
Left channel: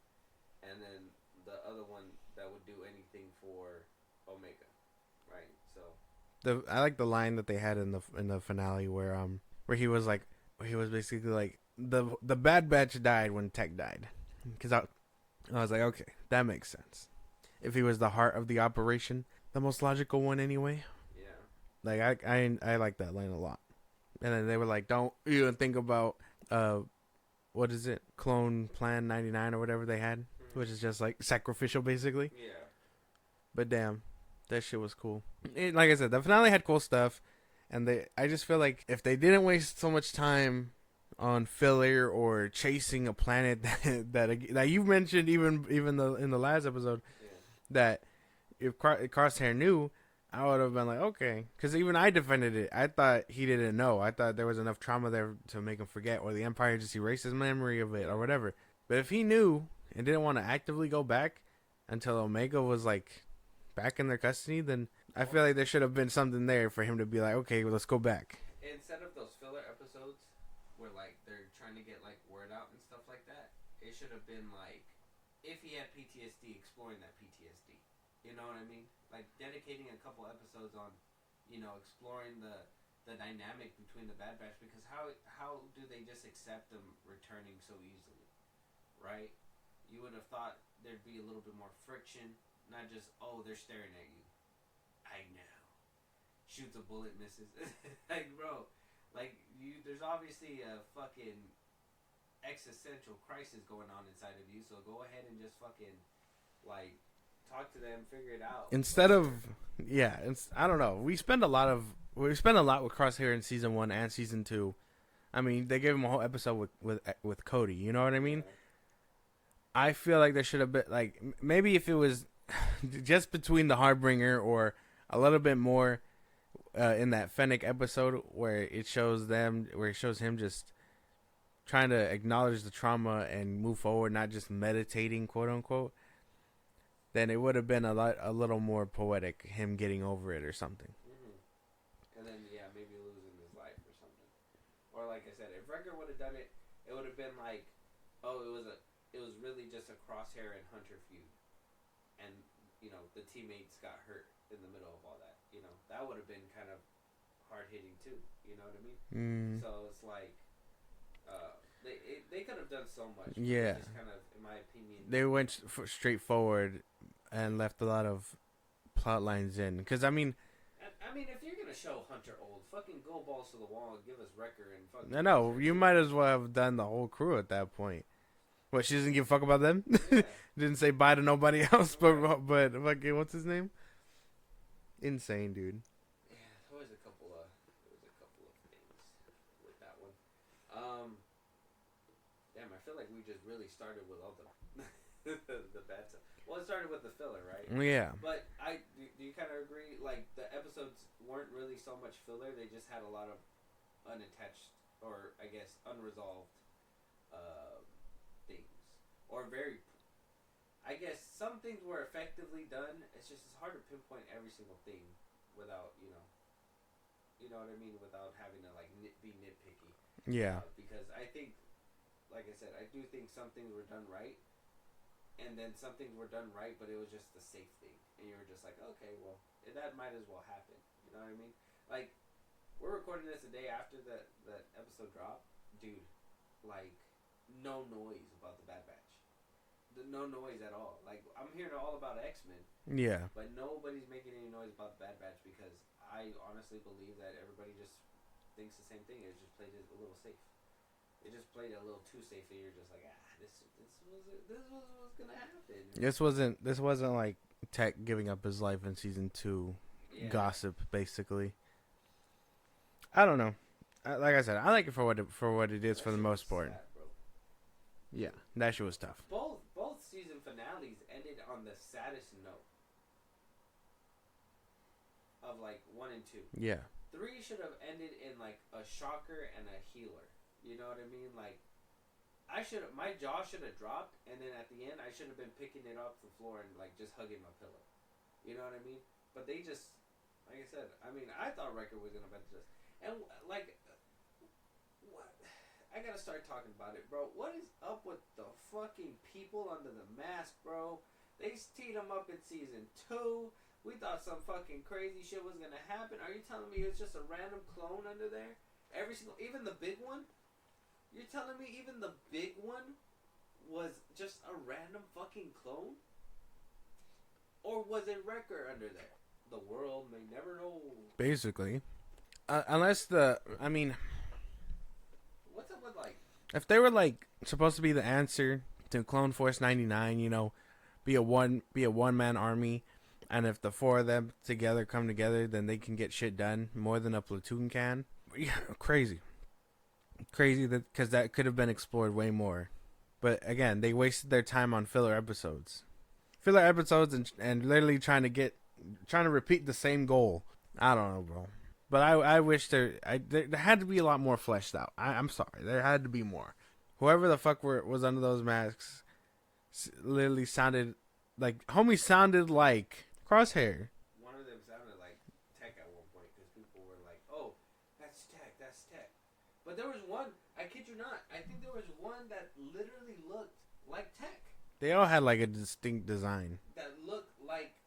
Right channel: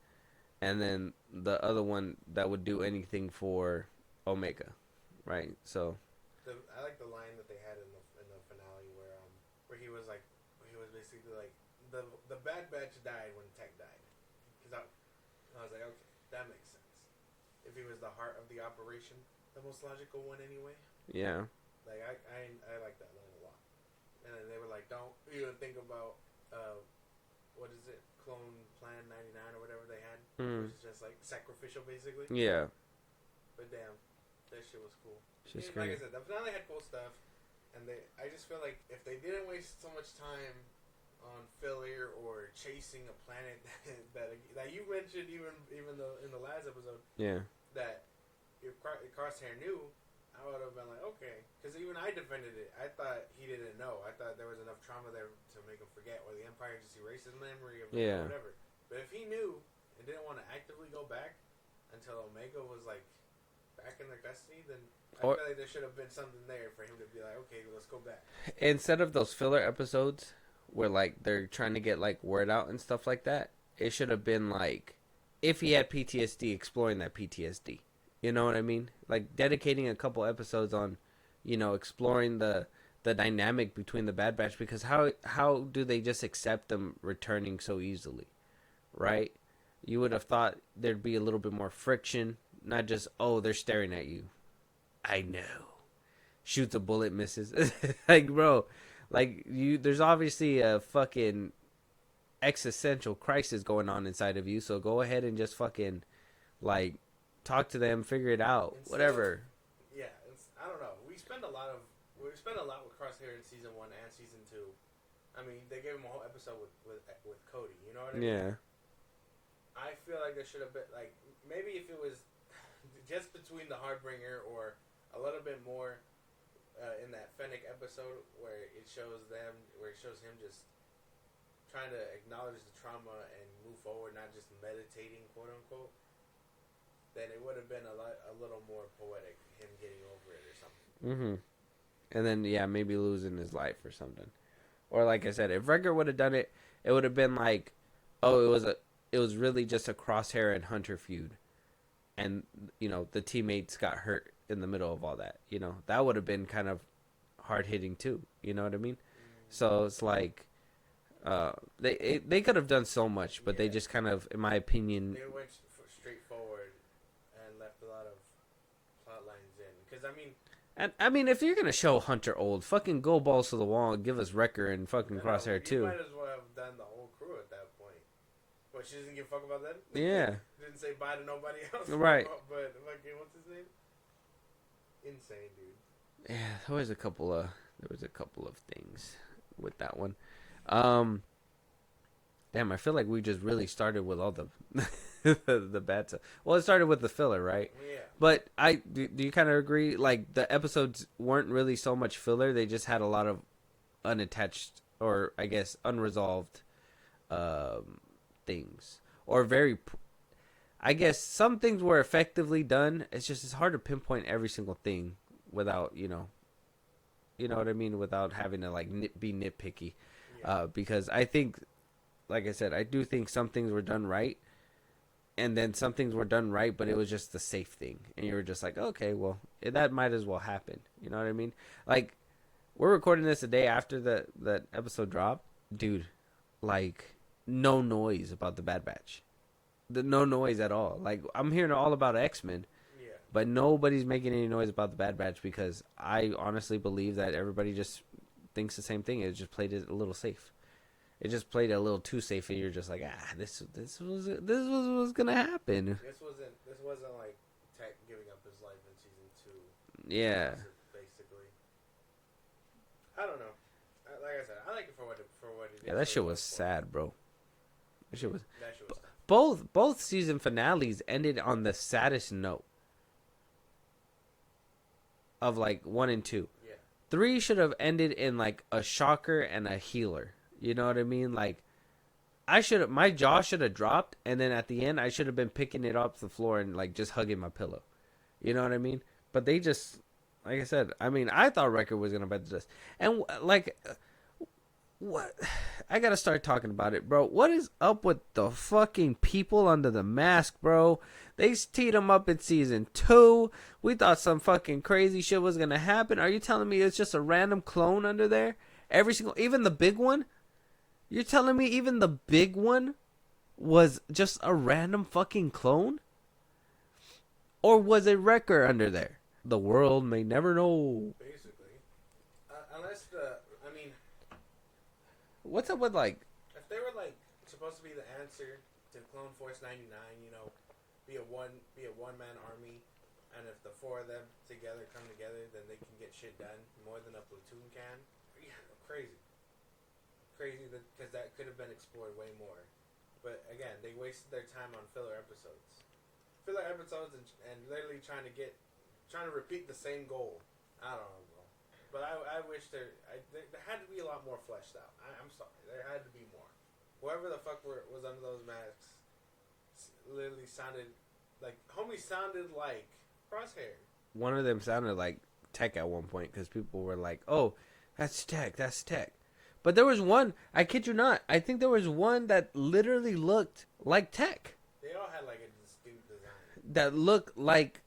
and then the other one that would do anything for Omega, right? So I like the line that they had in the finale where he was like, he was basically like, the Bad Batch died when Tech died, because I was like, okay, that makes sense. If he was the heart of the operation, the most logical one anyway. yeah, Like I like that line a lot. And then they were like, don't even think about what is it, Clone Plan 99 or whatever they had, which is just like sacrificial basically. yeah. But damn, that shit was cool. Like I said, the finale had cool stuff, and I just feel like if they didn't waste so much time on filler or chasing a planet that you mentioned even in the last episode, Yeah. that if Crosshair knew, I would have been like, okay, because even I defended it. I thought he didn't know. I thought there was enough trauma there to make him forget, or the Empire just erased his memory of it, Yeah. or whatever. But if he knew and didn't want to actively go back until Omega was like back in their custody, then I feel like there should have been something there for him to be like, okay, well, let's go back. Instead of those filler episodes where like they're trying to get like word out and stuff like that, it should have been like if he had PTSD, exploring that PTSD. You know what I mean? Like dedicating a couple episodes on, exploring the dynamic between the Bad Batch, because how do they just accept them returning so easily, right? You would have thought there'd be a little bit more friction, not just, oh, they're staring at you. I know. Shoots a bullet, misses. Like, bro, like there's obviously a fucking existential crisis going on inside of you, so go ahead and just fucking like talk to them, figure it out. Instead whatever. I don't know. We spend a lot with Crosshair in season 1 and season 2. I mean, they gave him a whole episode with Cody. You know what I mean? Yeah. I feel like there should have been like maybe if it was just between the Harbinger or a little bit more in that Fennec episode where it shows him just trying to acknowledge the trauma and move forward, not just meditating, quote unquote. Then it would have been a little more poetic, him getting over it or something. Mm-hmm. And then maybe losing his life or something. Or like I said, if Wrecker would have done it, it would have been like, oh, it was really just a Crosshair and Hunter feud, and the teammates got hurt in the middle of all that. That would have been kind of hard hitting too. You know what I mean? So it's like they could have done so much, but they just kind of, in my opinion, they went straight forward and left a lot of plot lines in. Because I mean, if you're gonna show Hunter old, fucking go balls to the wall and give us Wrecker and fucking I know Crosshair you too. might as well have done the whole crew at that point. What, she doesn't give a fuck about them? Yeah. Didn't say bye to nobody else. Right. But fucking, what's his name? Insane, dude. Yeah, there was a couple of things with that one. Damn, I feel like we just really started with all the the bad stuff. Well, it started with the filler, right? Yeah. But do you kind of agree? Like the episodes weren't really so much filler; they just had a lot of unattached, or I guess unresolved, things, or I guess some things were effectively done. It's hard to pinpoint every single thing without you know what I mean, without having to like be nitpicky. Yeah. Because I think, like I said, I do think some things were done right, and then some things were done right, but it was just the safe thing, and you were just like, okay, well, that might as well happen. You know what I mean? Like, we're recording this a day after that episode dropped, dude. Like, no noise about the Bad Batch, no noise at all. Like, I'm hearing all about X-Men, Yeah. but nobody's making any noise about the Bad Batch, because I honestly believe that everybody just thinks the same thing. It just played it a little safe. It just played a little too safe, and you're just like, this was what's gonna happen. This wasn't like Tech giving up his life in season 2. Yeah. Gossip, basically. I don't know. Like I said, I like it for what it is. That for shit the was most part. sad, bro. That shit was tough. Both season finales ended on the saddest note. of like 1 and 2. Yeah. 3 should have ended in like a shocker and a healer. You know what I mean? Like my jaw should have dropped, and then at the end I should have been picking it off the floor and like just hugging my pillow. You know what I mean? But they just, like I said, I mean, I thought Wrecker was gonna bite the dust, and like, what? I gotta start talking about it, bro. What is up with the fucking people under the mask, bro? They teed them up in season 2. We thought some fucking crazy shit was gonna happen. Are you telling me it's just a random clone under there? Even the big one? You're telling me even the big one was just a random fucking clone? Or was it Wrecker under there? The world may never know. Basically. Unless what's up with like, if they were like supposed to be the answer to Clone Force 99, you know, be a one-man army, and if the 4 of them come together, then they can get shit done more than a platoon can. Yeah, crazy because that could have been explored way more. But again, they wasted their time on filler episodes and literally trying to repeat the same goal. I don't know, bro. But I wish there had to be a lot more fleshed out. I'm sorry, there had to be more. Whoever the fuck was under those masks literally sounded like Crosshair. One of them sounded like Tech at one point because people were like, "Oh, that's Tech. But there was one, I kid you not, I think there was one that literally looked like Tech. They all had like a distinct design. That looked like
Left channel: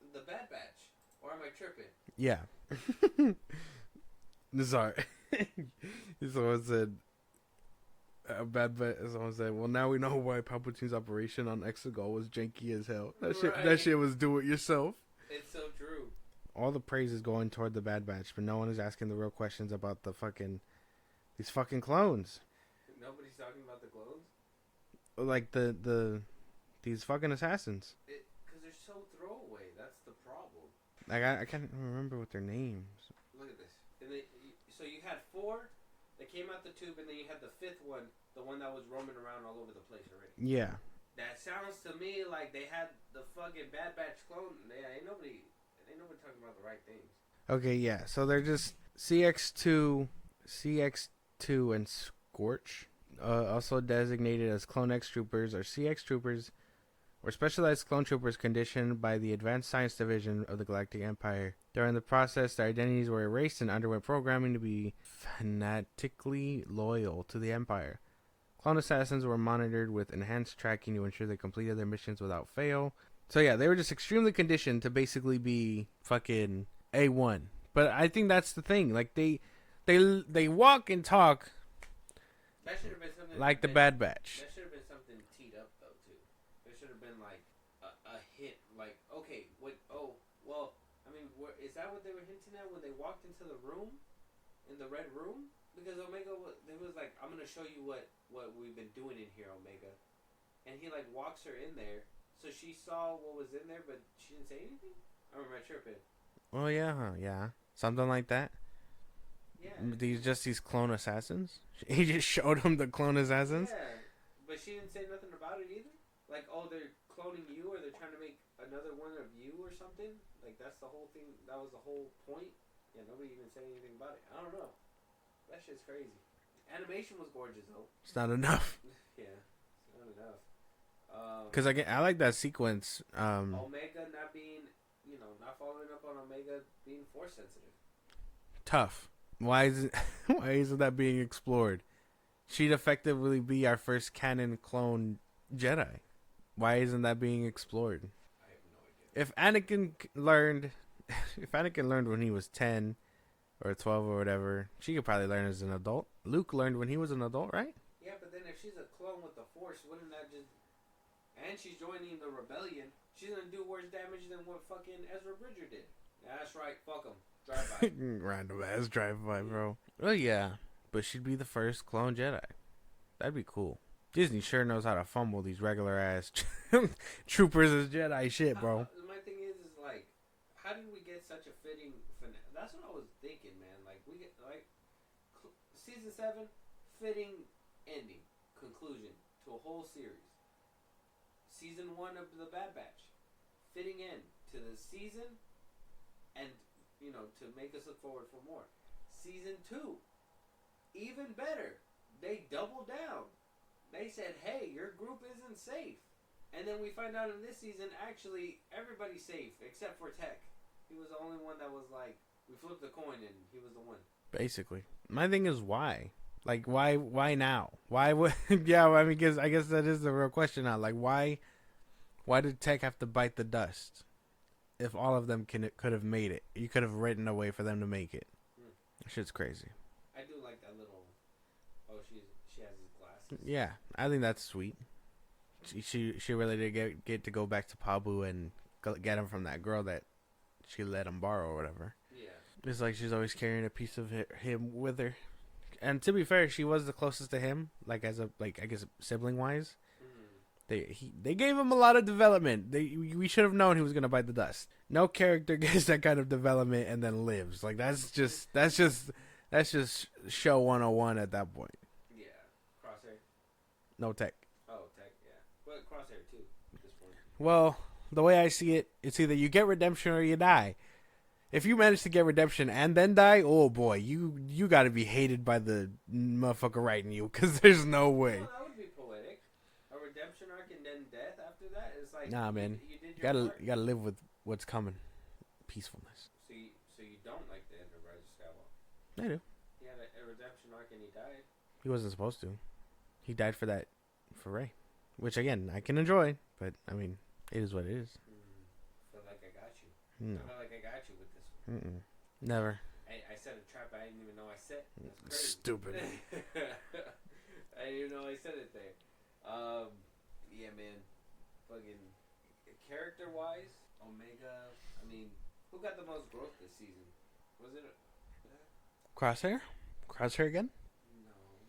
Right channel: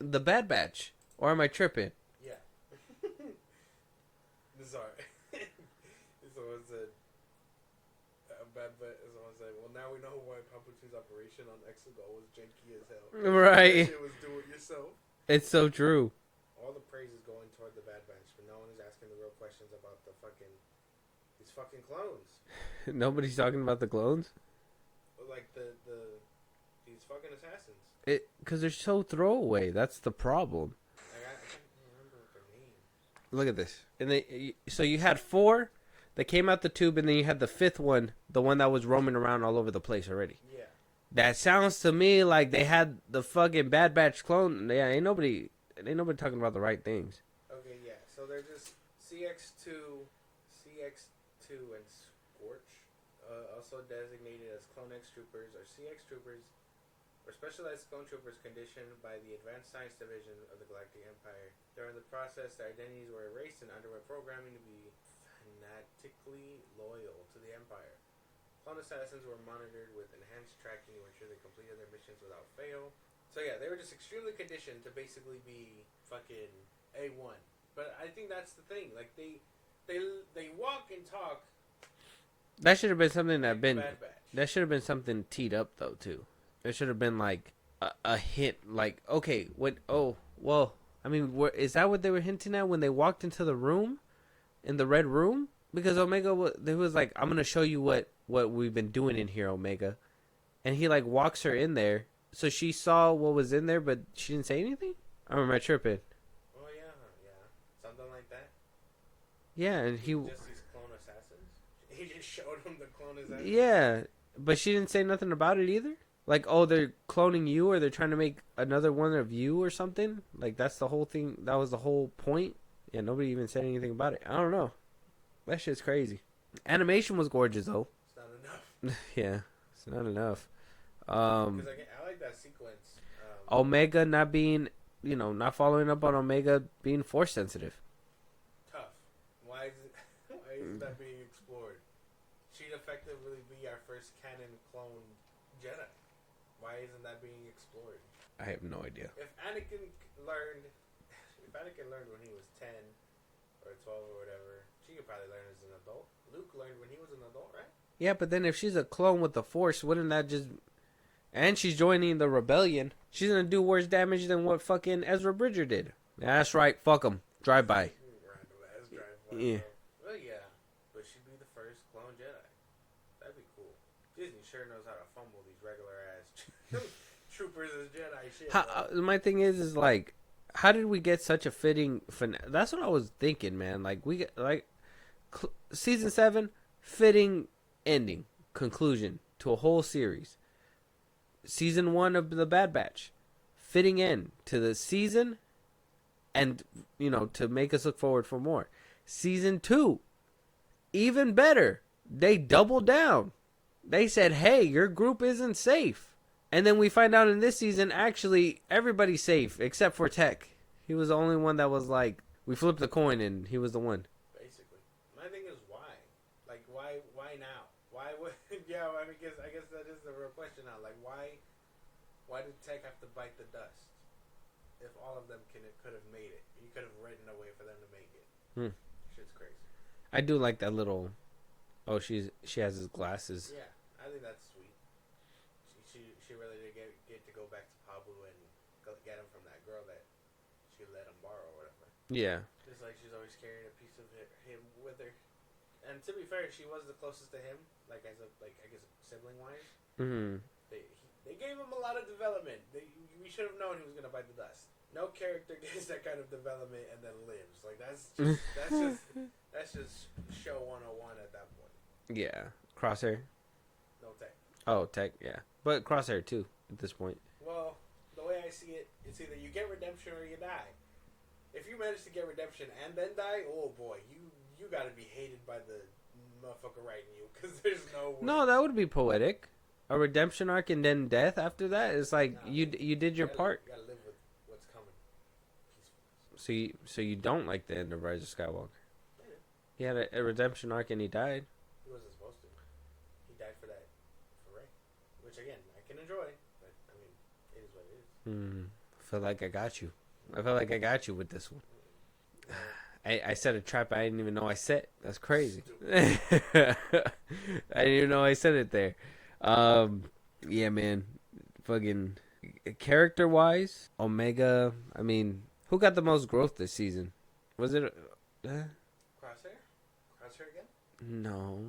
the Bad Batch. Or am I tripping? Yeah. Sorry. Someone said, someone said, well, now we know why Palpatine's operation on Exegol was janky as hell. That shit was do it yourself. It's so true. All the praise is going toward the Bad Batch, but no one is asking the real questions about these fucking clones. Nobody's talking about the clones? Like these fucking assassins. Because they're so throwaway. That's the problem. Like I can't remember what their names. Look at this. So you had 4 that came out the tube, and then you had the 5th one, the one that was roaming around all over the place already. Yeah. That sounds to me like they had the fucking Bad Batch clone. Yeah, ain't nobody talking about the right things. Okay, yeah. So they're just CX2, and Scorch, also designated as Clone X Troopers or CX Troopers, or specialized clone troopers conditioned by the Advanced Science Division of the Galactic Empire. During the process, their identities were erased and underwent programming to be fanatically loyal to the Empire. Clone assassins were monitored with enhanced tracking to ensure they completed their missions without fail. So yeah, they were just extremely conditioned to basically be fucking A1. But I think that's the thing. Like they walk and talk. That should have been something like the Bad Batch. That should have been something teed up though too. It should have been like a hint. Like, okay, I mean, is that what they were hinting at when they walked into the room, in the red room? Because Omega was like, I'm gonna show you what we've been doing in here, Omega, and he like walks her in there, so she saw what was in there, but she didn't say anything. Or am I tripping? Oh yeah, something like that. Yeah, and these clone assassins. He just showed him the clone assassins. Yeah, but she didn't say nothing about it either. Like, oh, they're cloning you, or they're trying to make another one of you, or something. Like, that's the whole thing. That was the whole point. Yeah, nobody even said anything about it. I don't know. That shit's crazy. Animation was gorgeous, though. It's not enough. Yeah, it's not enough. Because I like that sequence. Omega not being, not following up on Omega being force sensitive. Tough. Why isn't that being explored? She'd effectively be our first canon clone Jedi. Why isn't that being explored? I have no idea. If Anakin learned when he was 10 or 12 or whatever, she could probably learn as an adult. Luke learned when he was an adult, right? Yeah, but then if she's a clone with the Force, wouldn't that just... And she's joining the rebellion. She's going to do worse damage than what fucking Ezra Bridger did. That's right. Fuck him. Drive-by. Random ass drive-by, yeah. Bro. Oh, yeah. But she'd be the first clone Jedi. That'd be cool. Disney sure knows how to fumble these regular ass troopers as Jedi shit, bro. My thing is like, how did we get such a fitting that's what I was thinking, man. Like, we get season 7, fitting ending, conclusion to a whole series. Season 1 of the Bad Batch, fitting end to the season, and to make us look forward for more. Season 2, even better. They doubled down. They said, hey, your group isn't safe. And then we find out in this season, actually, everybody's safe except for Tech. He was the only one that was like, we flipped the coin and he was the one. Basically. My thing is why? Like, why now? Why would, yeah, I mean, I guess that is the real question now. Like, why did Tech have to bite the dust? If all of them could have made it. You could have written a way for them to make it. Shit's crazy. I do like that little, she has his glasses. Yeah, I think that's sweet. She really did get to go back to Pabu and get him from that girl that she let him borrow or whatever. Yeah. It's like she's always carrying a piece of him with her. And to be fair, she was the closest to him, like as a I guess sibling wise. Mm-hmm. They gave him a lot of development. We should have known he was gonna bite the dust. No character gets that kind of development and then lives. Like that's just show 101 at that point. Yeah. Crosshair. No Tech. Oh, Tech. Yeah, but Crosshair too at this point. Well, the way I see it, it's either you get redemption or you die. If you manage to get redemption and then die, oh boy, you got to be hated by the motherfucker writing you, because there's no way. No, that would be poetic. A redemption arc and then death after that. It's like you did your part. You got to live with what's coming. Peacefulness. So you don't like the end of Rise of Skywalker? I do. He had a redemption arc and he died. He wasn't supposed to. He died for Rey, which again I can enjoy, but I mean it is what it is. I feel like I got you. I feel like I got you with this one. Never. I set a trap I didn't even know I set. That's crazy. Stupid. I didn't even know I said it there. Yeah, man. Fucking character wise, Omega. I mean, who got the most growth this season? Was it Crosshair? Crosshair again? No,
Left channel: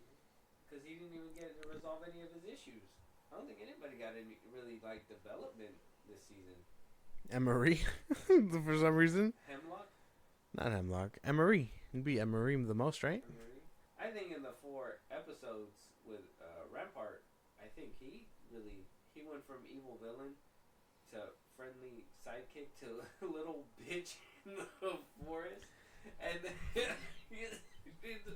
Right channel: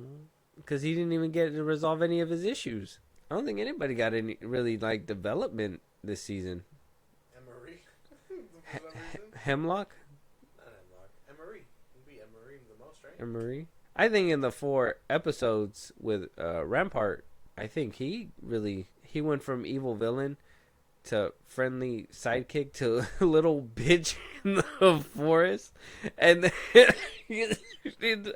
because he didn't even get to resolve any of his issues. I don't think anybody got any really like development this season. Emery, for some reason. Hemlock? Not Hemlock. Emery. It'd be Emery the most, right? Emery. I think in the 4 episodes with Rampart, I think he went from evil villain to friendly sidekick to little bitch in the forest. And then,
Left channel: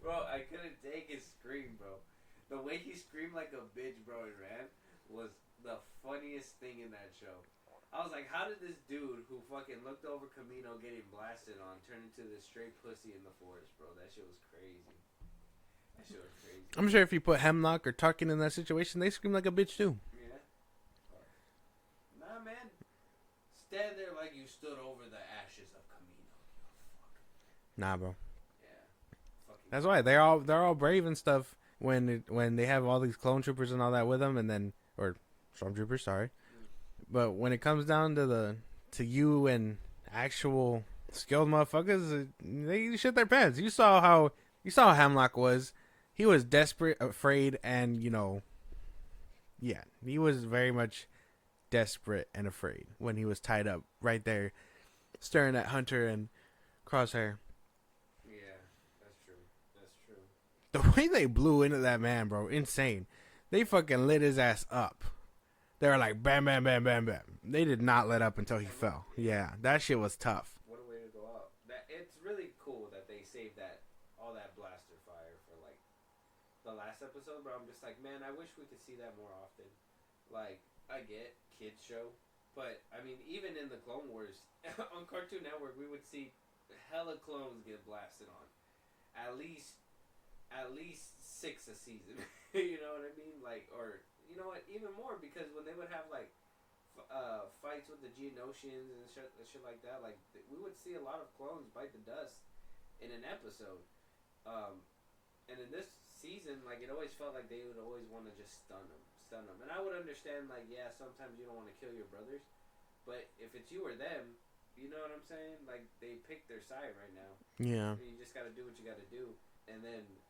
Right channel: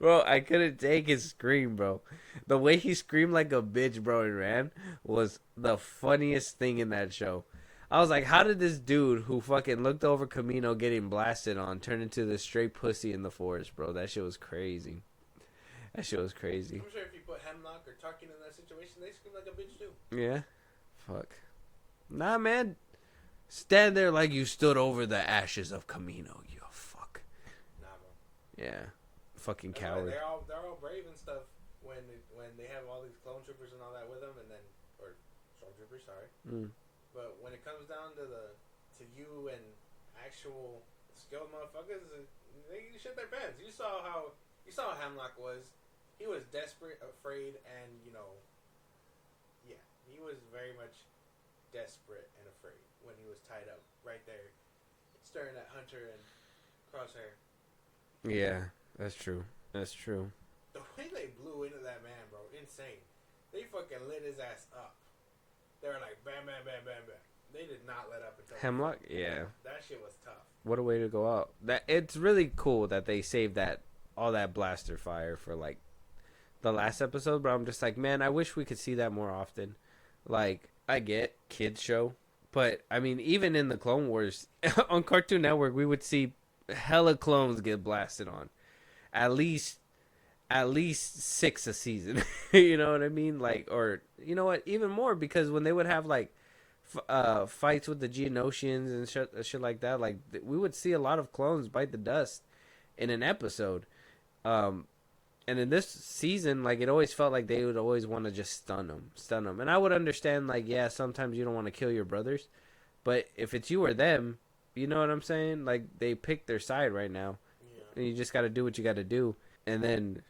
bro, I couldn't take his scream, bro. The way he screamed like a bitch, bro, and ran was the funniest thing in that show. I was like, how did this dude who fucking looked over Camino getting blasted on turn into this straight pussy in the forest, bro? That shit was crazy. That shit was crazy. I'm sure if you put Hemlock or Tarkin in that situation, they scream like a bitch too. Yeah. Fuck. Nah, man. Stand there like you stood over the ashes of Camino, you fuck. Nah, bro. Yeah. Fucking That's coward. why they're all brave and stuff when they have all these clone troopers and all that with them, and then or stormtroopers, sorry. But when it comes down to you and actual skilled motherfuckers, they shit their pants. You saw how Hemlock was. He was desperate, afraid, and yeah, he was very much desperate and afraid when he was tied up right there, staring at Hunter and Crosshair. Yeah, that's true. That's true. The way they blew into that man, bro, insane. They fucking lit his ass up. They were like, bam, bam, bam, bam, bam. They did not let up until he Hemlock? fell. Yeah. That shit was tough. What a way to go out. That it's really cool that they saved all that blaster fire for like the last episode, but I'm just like, man, I wish we could see that more often. Like, I get kids show, but I mean, even in the Clone Wars on Cartoon Network, we would see hella clones get blasted on. At least 6 a season. You know what I mean? Like, or you know what, even more, because when they would have like fights with the Geonosians and shit like that, like we would see a lot of clones bite the dust in an episode. And in this season, like, it always felt like they would always want to just stun them. And I would understand, like, yeah, sometimes you don't want to kill your brothers, but if it's you or them, you know what I'm saying? Like, they picked their side right now. Yeah. And you just got to do what you got to do. And then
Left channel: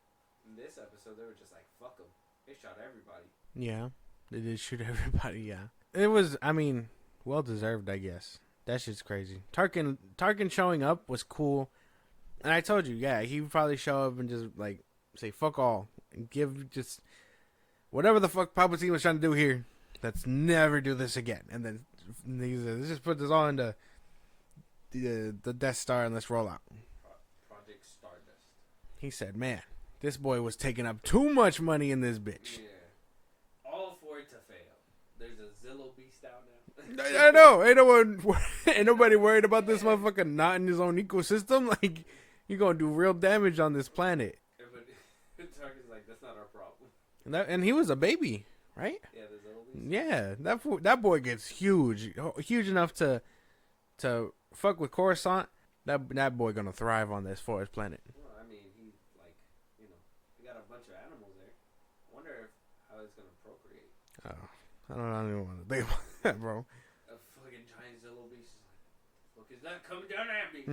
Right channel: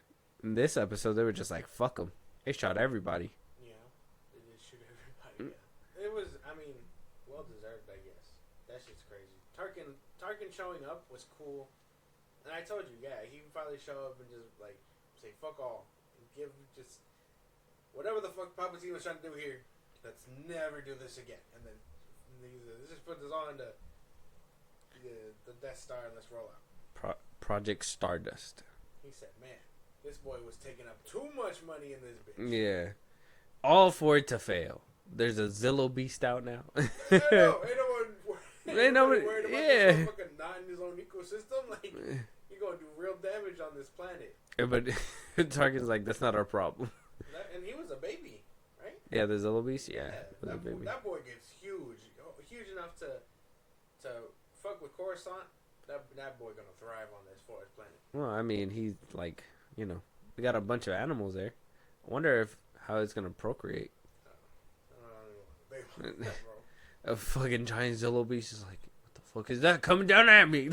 in this episode, they were just like, fuck them. They shot everybody. Yeah. They did shoot everybody, yeah. It was, I mean, well-deserved, I guess. That shit's crazy. Tarkin showing up was cool. And I told you, yeah, he would probably show up and just, like, say, fuck all. And give just whatever the fuck Palpatine was trying to do here. Let's never do this again. And then he said, let's just put this all into the Death Star and let's roll out. Project Stardust. He said, "Man, this boy was taking up too much money in this bitch." Yeah, all for it to fail. There's a Zillow Beast out now. I know. Ain't nobody worried about this yeah. motherfucker not in his own ecosystem. Like, you're gonna do real damage on this planet. Yeah, but Target's like, that's not our problem. And he was a baby, right? Yeah, the Zillow Beast. Yeah, that boy gets huge enough to fuck with Coruscant. That boy gonna thrive on this forest planet. Well, I mean, he's like, we got a bunch of animals there. I wonder how it's gonna procreate. Oh, I don't even want to think about that, bro. A fucking giant Zillow Beast is like, what the fuck is that coming down at me?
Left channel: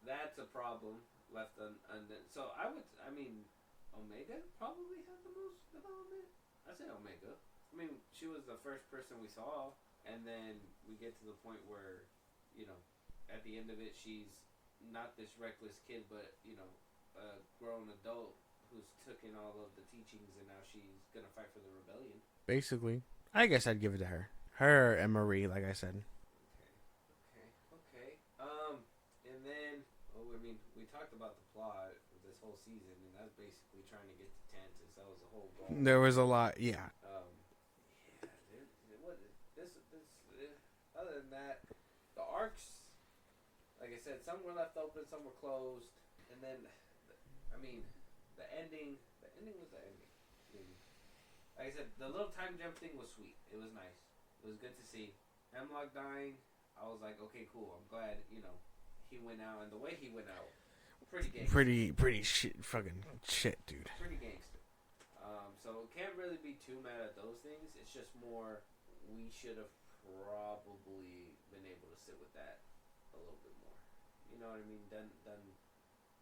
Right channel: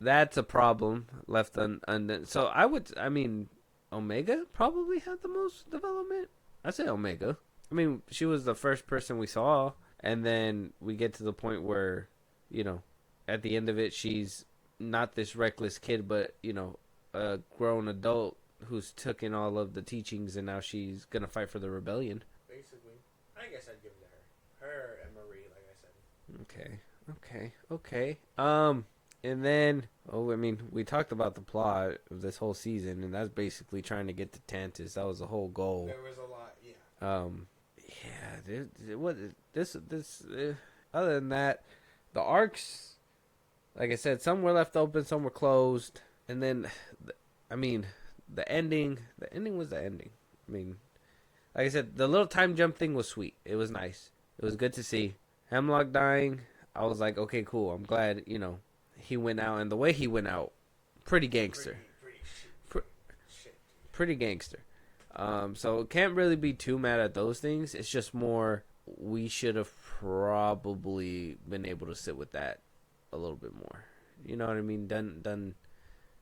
That's a problem left undone. So Omega probably had the most development. I'd say Omega. I mean, she was the first person we saw, and then we get to the point where, at the end of it, she's not this reckless kid, but, a grown adult who's took in all of the teachings, and now she's going to fight for the rebellion. Basically. I guess I'd give it to her. Her and Marie, like I said. Okay. And then, we talked about the plot of this whole season, and that's basically trying to get to Tantus. That was the whole goal. There was a lot, yeah. Other than that, the arcs, like I said, some were left open, some were closed, and then, the ending was the ending. Like I said, the little time jump thing was sweet. It was nice. It was good to see. Hemlock dying, I was like, okay, cool. I'm glad, he went out, and the way he went out, pretty gangster. Pretty shit, fucking shit, dude. Pretty gangster. So can't really be too mad at those things. It's just more, we should have probably been able to sit with that a little bit more. You know what I mean? Done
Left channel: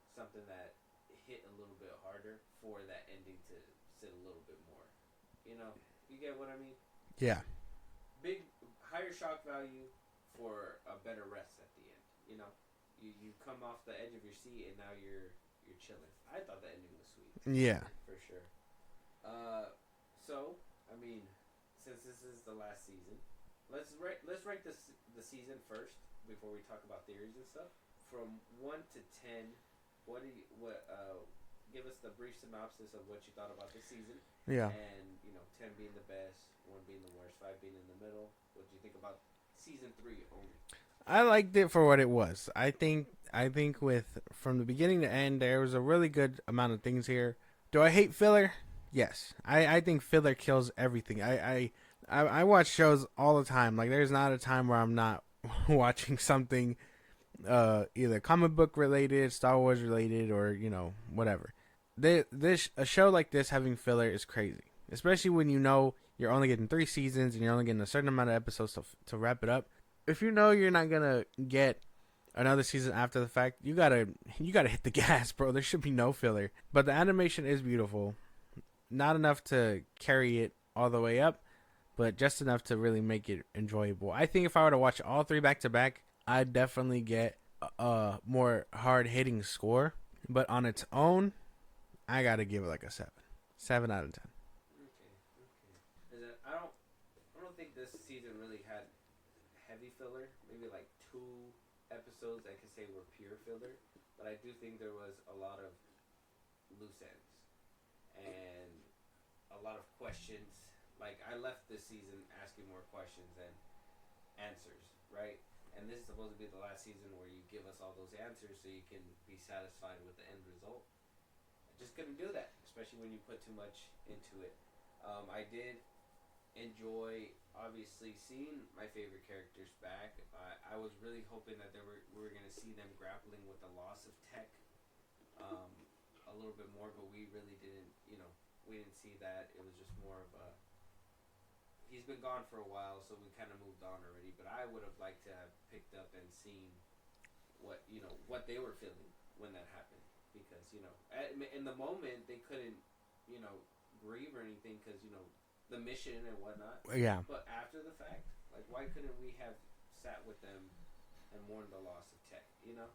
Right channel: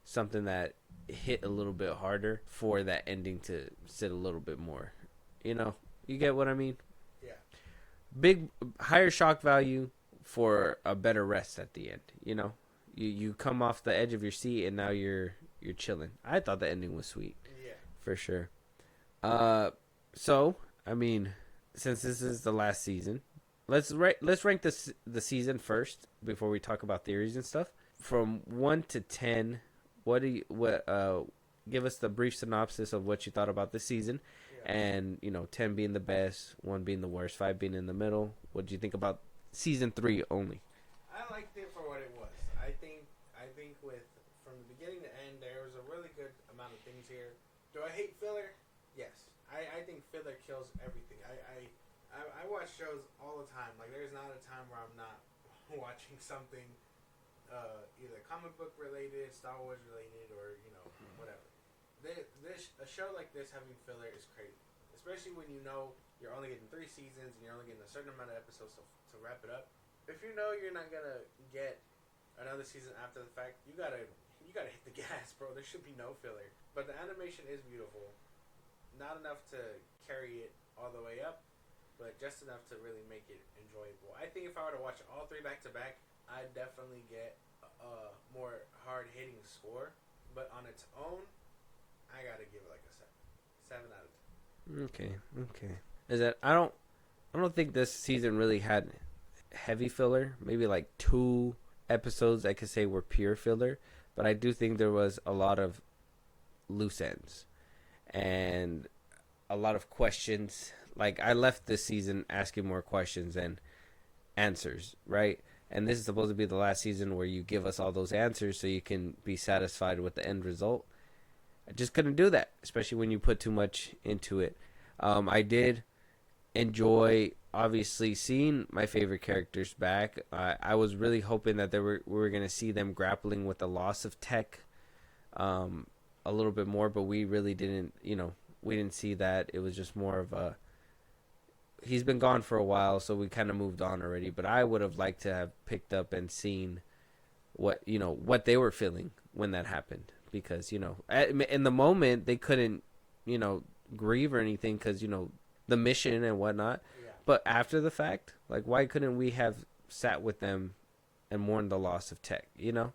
something that hit a little bit harder for that ending to sit a little bit more. You get what I mean? Yeah. Higher shock value for a better rest at the end. You come off the edge of your seat and now you're chilling. I thought the ending was sweet. Yeah, for sure. Since this is the last season, let's rank the season first before we talk about theories and stuff. From 1 to 10, give us the brief synopsis of what you thought about this season. Yeah. And 10 being the best, 1 being the worst, 5 being in the middle. What did you think about season 3 only? I liked it for what it was. I think from the beginning to end, there was a really good amount of things here. Do I hate filler? Yes. I think filler kills everything. I watch shows all the time. Like, there's not a time where I'm not watching something either comic book related, Star Wars related, or whatever. A show like this having filler is crazy, especially when you're only getting 3 seasons and you're only getting a certain amount of episodes to wrap it up. If you're not gonna get another season after the fact, you gotta hit the gas, bro. There should be no filler. But the animation is beautiful, not enough to carry it all the way up, but just enough to really make it enjoyable. I think if I were to watch all 3 back to back, I'd definitely get a more hard hitting score. But on its own, I gotta give it like a 7 out of 10. Okay. Is that I don't think this season really had heavy filler. Maybe like 2 episodes I could say were pure filler, but I do think there was a lot of loose ends and a lot of questions. Like, I left this season asking more questions than answers, right? And this is supposed to be the last season where you give us all those answers so you can be satisfied with the end result. I just couldn't do that, especially when you put too much into it. I did enjoy, obviously, seeing my favorite characters back. I was really hoping that we were going to see them grappling with the loss of Tech a little bit more, but we really didn't, we didn't see that. It was just more of a, he's been gone for a while, so we kind of moved on already, but I would have liked to have picked up and seen what they were feeling when that happened, because, in the moment, they couldn't, grieve or anything, because, the mission and whatnot. Yeah. But after the fact, like, why couldn't we have sat with them and mourned the loss of Tech, The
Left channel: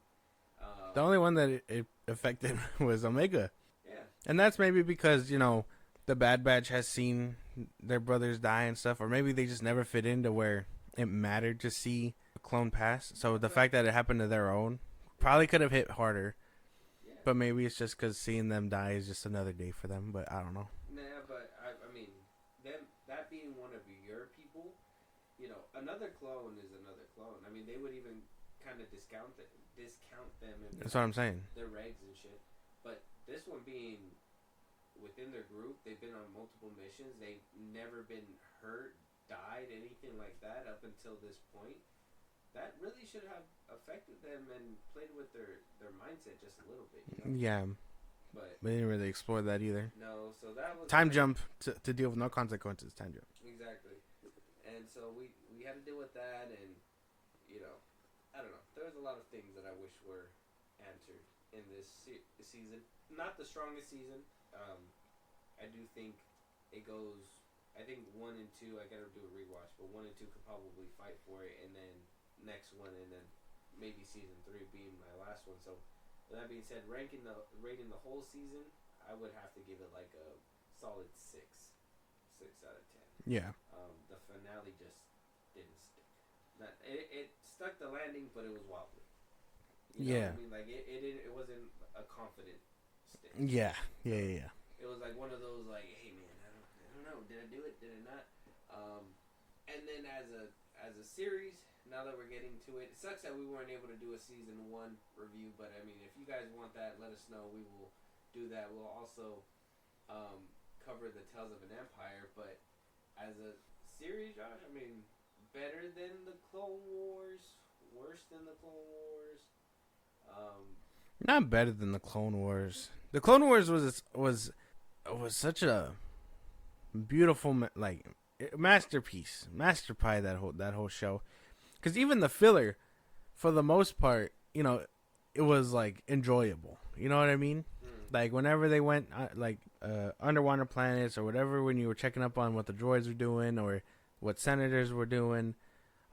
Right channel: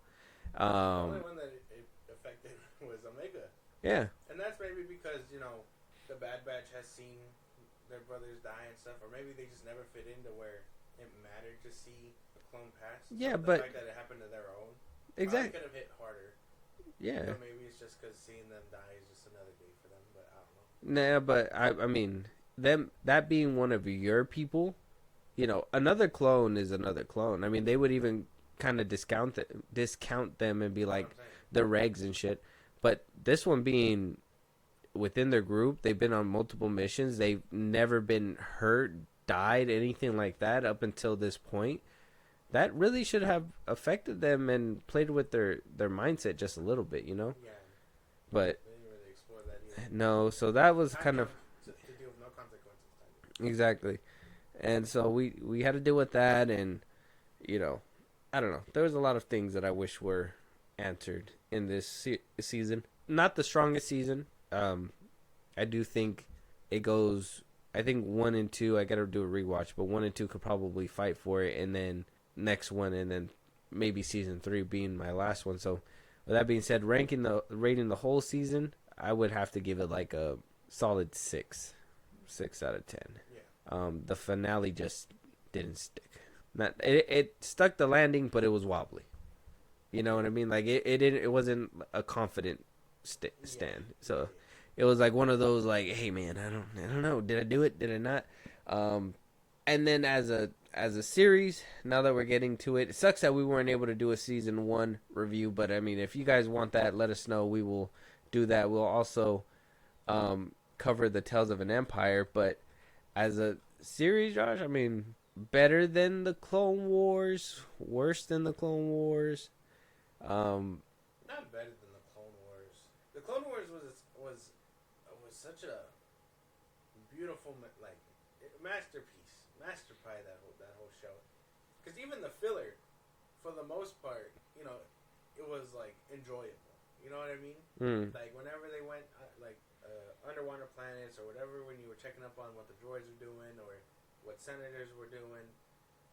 only one that it affected was Omega. Yeah. And that's maybe because, the Bad Batch has seen their brothers die and stuff, or maybe they just never fit into where it mattered to see a clone past. So Yeah, the but- fact that it happened to their own probably Exact- could have hit harder. Yeah. But maybe it's just because seeing them die is just another day for them. But I don't know. Nah, but I mean, that being one of your people, you know, another clone is another clone. I mean, they would even kind of discount them and be That's like what I'm saying. the regs and shit. But this one being within their group, they've been on multiple missions. They've never been hurt, died, anything like that up until this point. That really should have affected them and played with their mindset just a little bit, you know? Yeah, But we didn't really explore that either. no, so that was Time kind of- jump to deal with no consequences. Time jump. Exactly. And so we had to deal with that, and, you know, I don't know. There was a lot of things that I wish were answered in this season. Not the strongest season. I do think it goes, I think 1 and 2, I got to do a rewatch, but 1 and 2 could probably fight for it, and then next one, and then maybe season 3 being my last one. So with that being said, rating the whole season, I would have to give it like a solid 6 out of 10. Yeah. The finale just didn't stick. Not it stuck the landing, but it was wobbly. You know what I Yeah. mean? Like it wasn't a confident stand. Yeah. So yeah. it was like one of those like, hey man, I don't know, did I do it? Did I not? And then as a series, now that we're getting to it, it sucks that we weren't able to do a season 1 review. But I mean, if you guys want that, let us know. We will do that. We'll also cover the Tales of an Empire. But as a series, Josh, I mean, better than the Clone Wars, worse than the Clone Wars. Not better than the Clone Wars. The Clone Wars was such a beautiful masterpiece, masterpie, that whole show. Because even the filler, for the most part, you know, it was like enjoyable. You know what I mean? Like whenever they went underwater planets or whatever, when you were checking up on what the droids were doing or what senators were doing,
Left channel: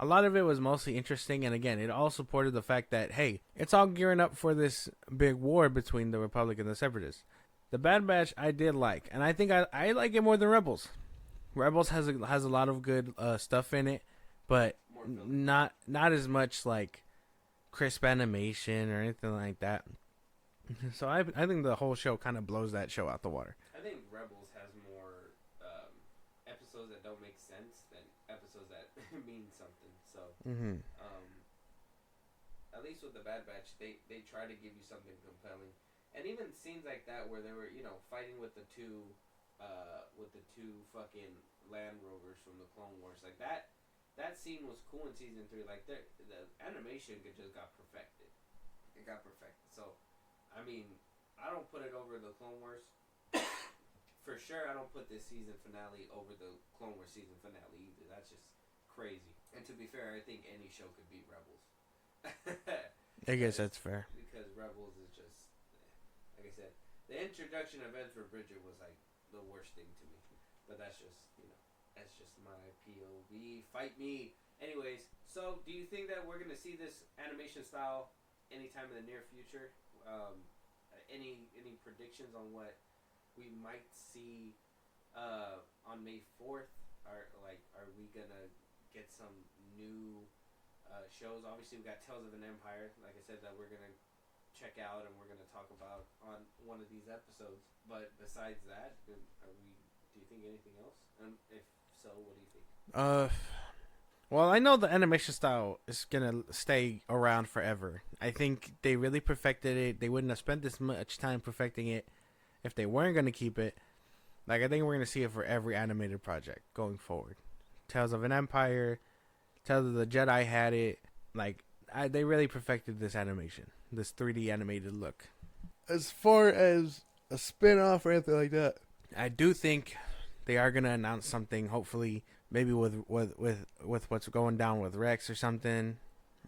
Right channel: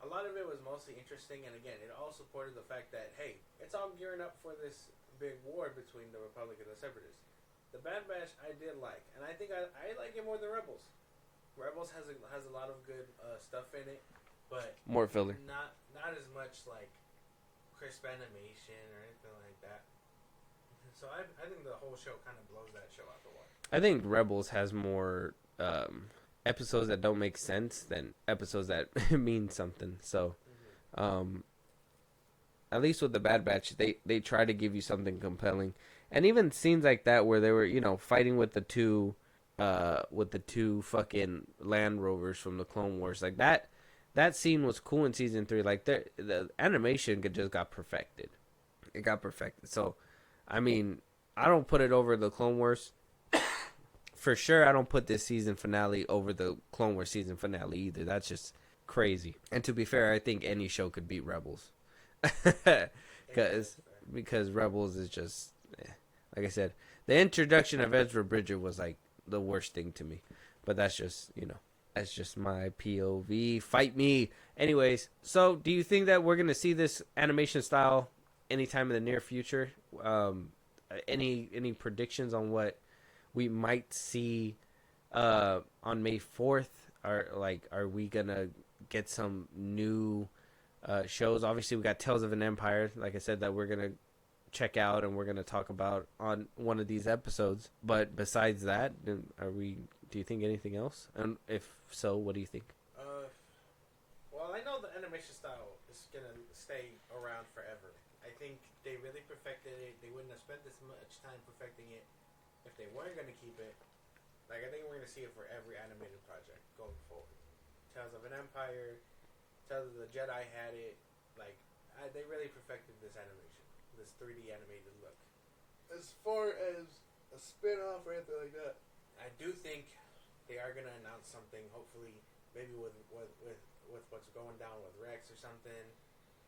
a lot of it was mostly interesting. And again, it all supported the fact that, hey, it's all gearing up for this big war between the Republic and the Separatists. The Bad Batch I did like, and I think I like it more than Rebels. Rebels has a lot of good stuff in it, but More filler. Not as much like crisp animation or anything like that. So I think the whole show kind of blows that show out the water. I think Rebels has more episodes that don't make sense than episodes that mean something. So, at least with the Bad Batch, they try to give you something compelling, and even scenes like that where they were, you know, fighting with the two fucking Land Rovers from the Clone Wars, like that scene was cool in season 3. Like the animation just got perfected. It got perfected. So, I mean, I don't put it over the Clone Wars. For sure, I don't put this season finale over the Clone Wars season finale either. That's just crazy. And to be fair, I think any show could beat Rebels. I guess that's fair. Because Rebels is just, like I said, the introduction of Ezra Bridger was like the worst thing to me. But that's just, you know, that's just my POV. Fight me. Anyways, so do you think that we're going to see this animation style anytime in the near future? Any predictions on what we might see on May 4th? Are we gonna get some new shows? Obviously, we got Tales of an Empire, like I said, that we're gonna check out and we're gonna talk about on one of these episodes. But besides that, do you think anything else? And if so, what do you think? Well, I know the animation style is gonna stay around forever. I think they really perfected it. They wouldn't have spent this much time perfecting it if they weren't gonna keep it. Like, I think we're gonna see it for every animated project going forward. Tales of an Empire, Tales of the Jedi had it. Like, they really perfected this animation, this 3D animated look. As far as a spin-off or anything like that, I do think they are gonna announce something. Hopefully, maybe with what's going down with Rex or something.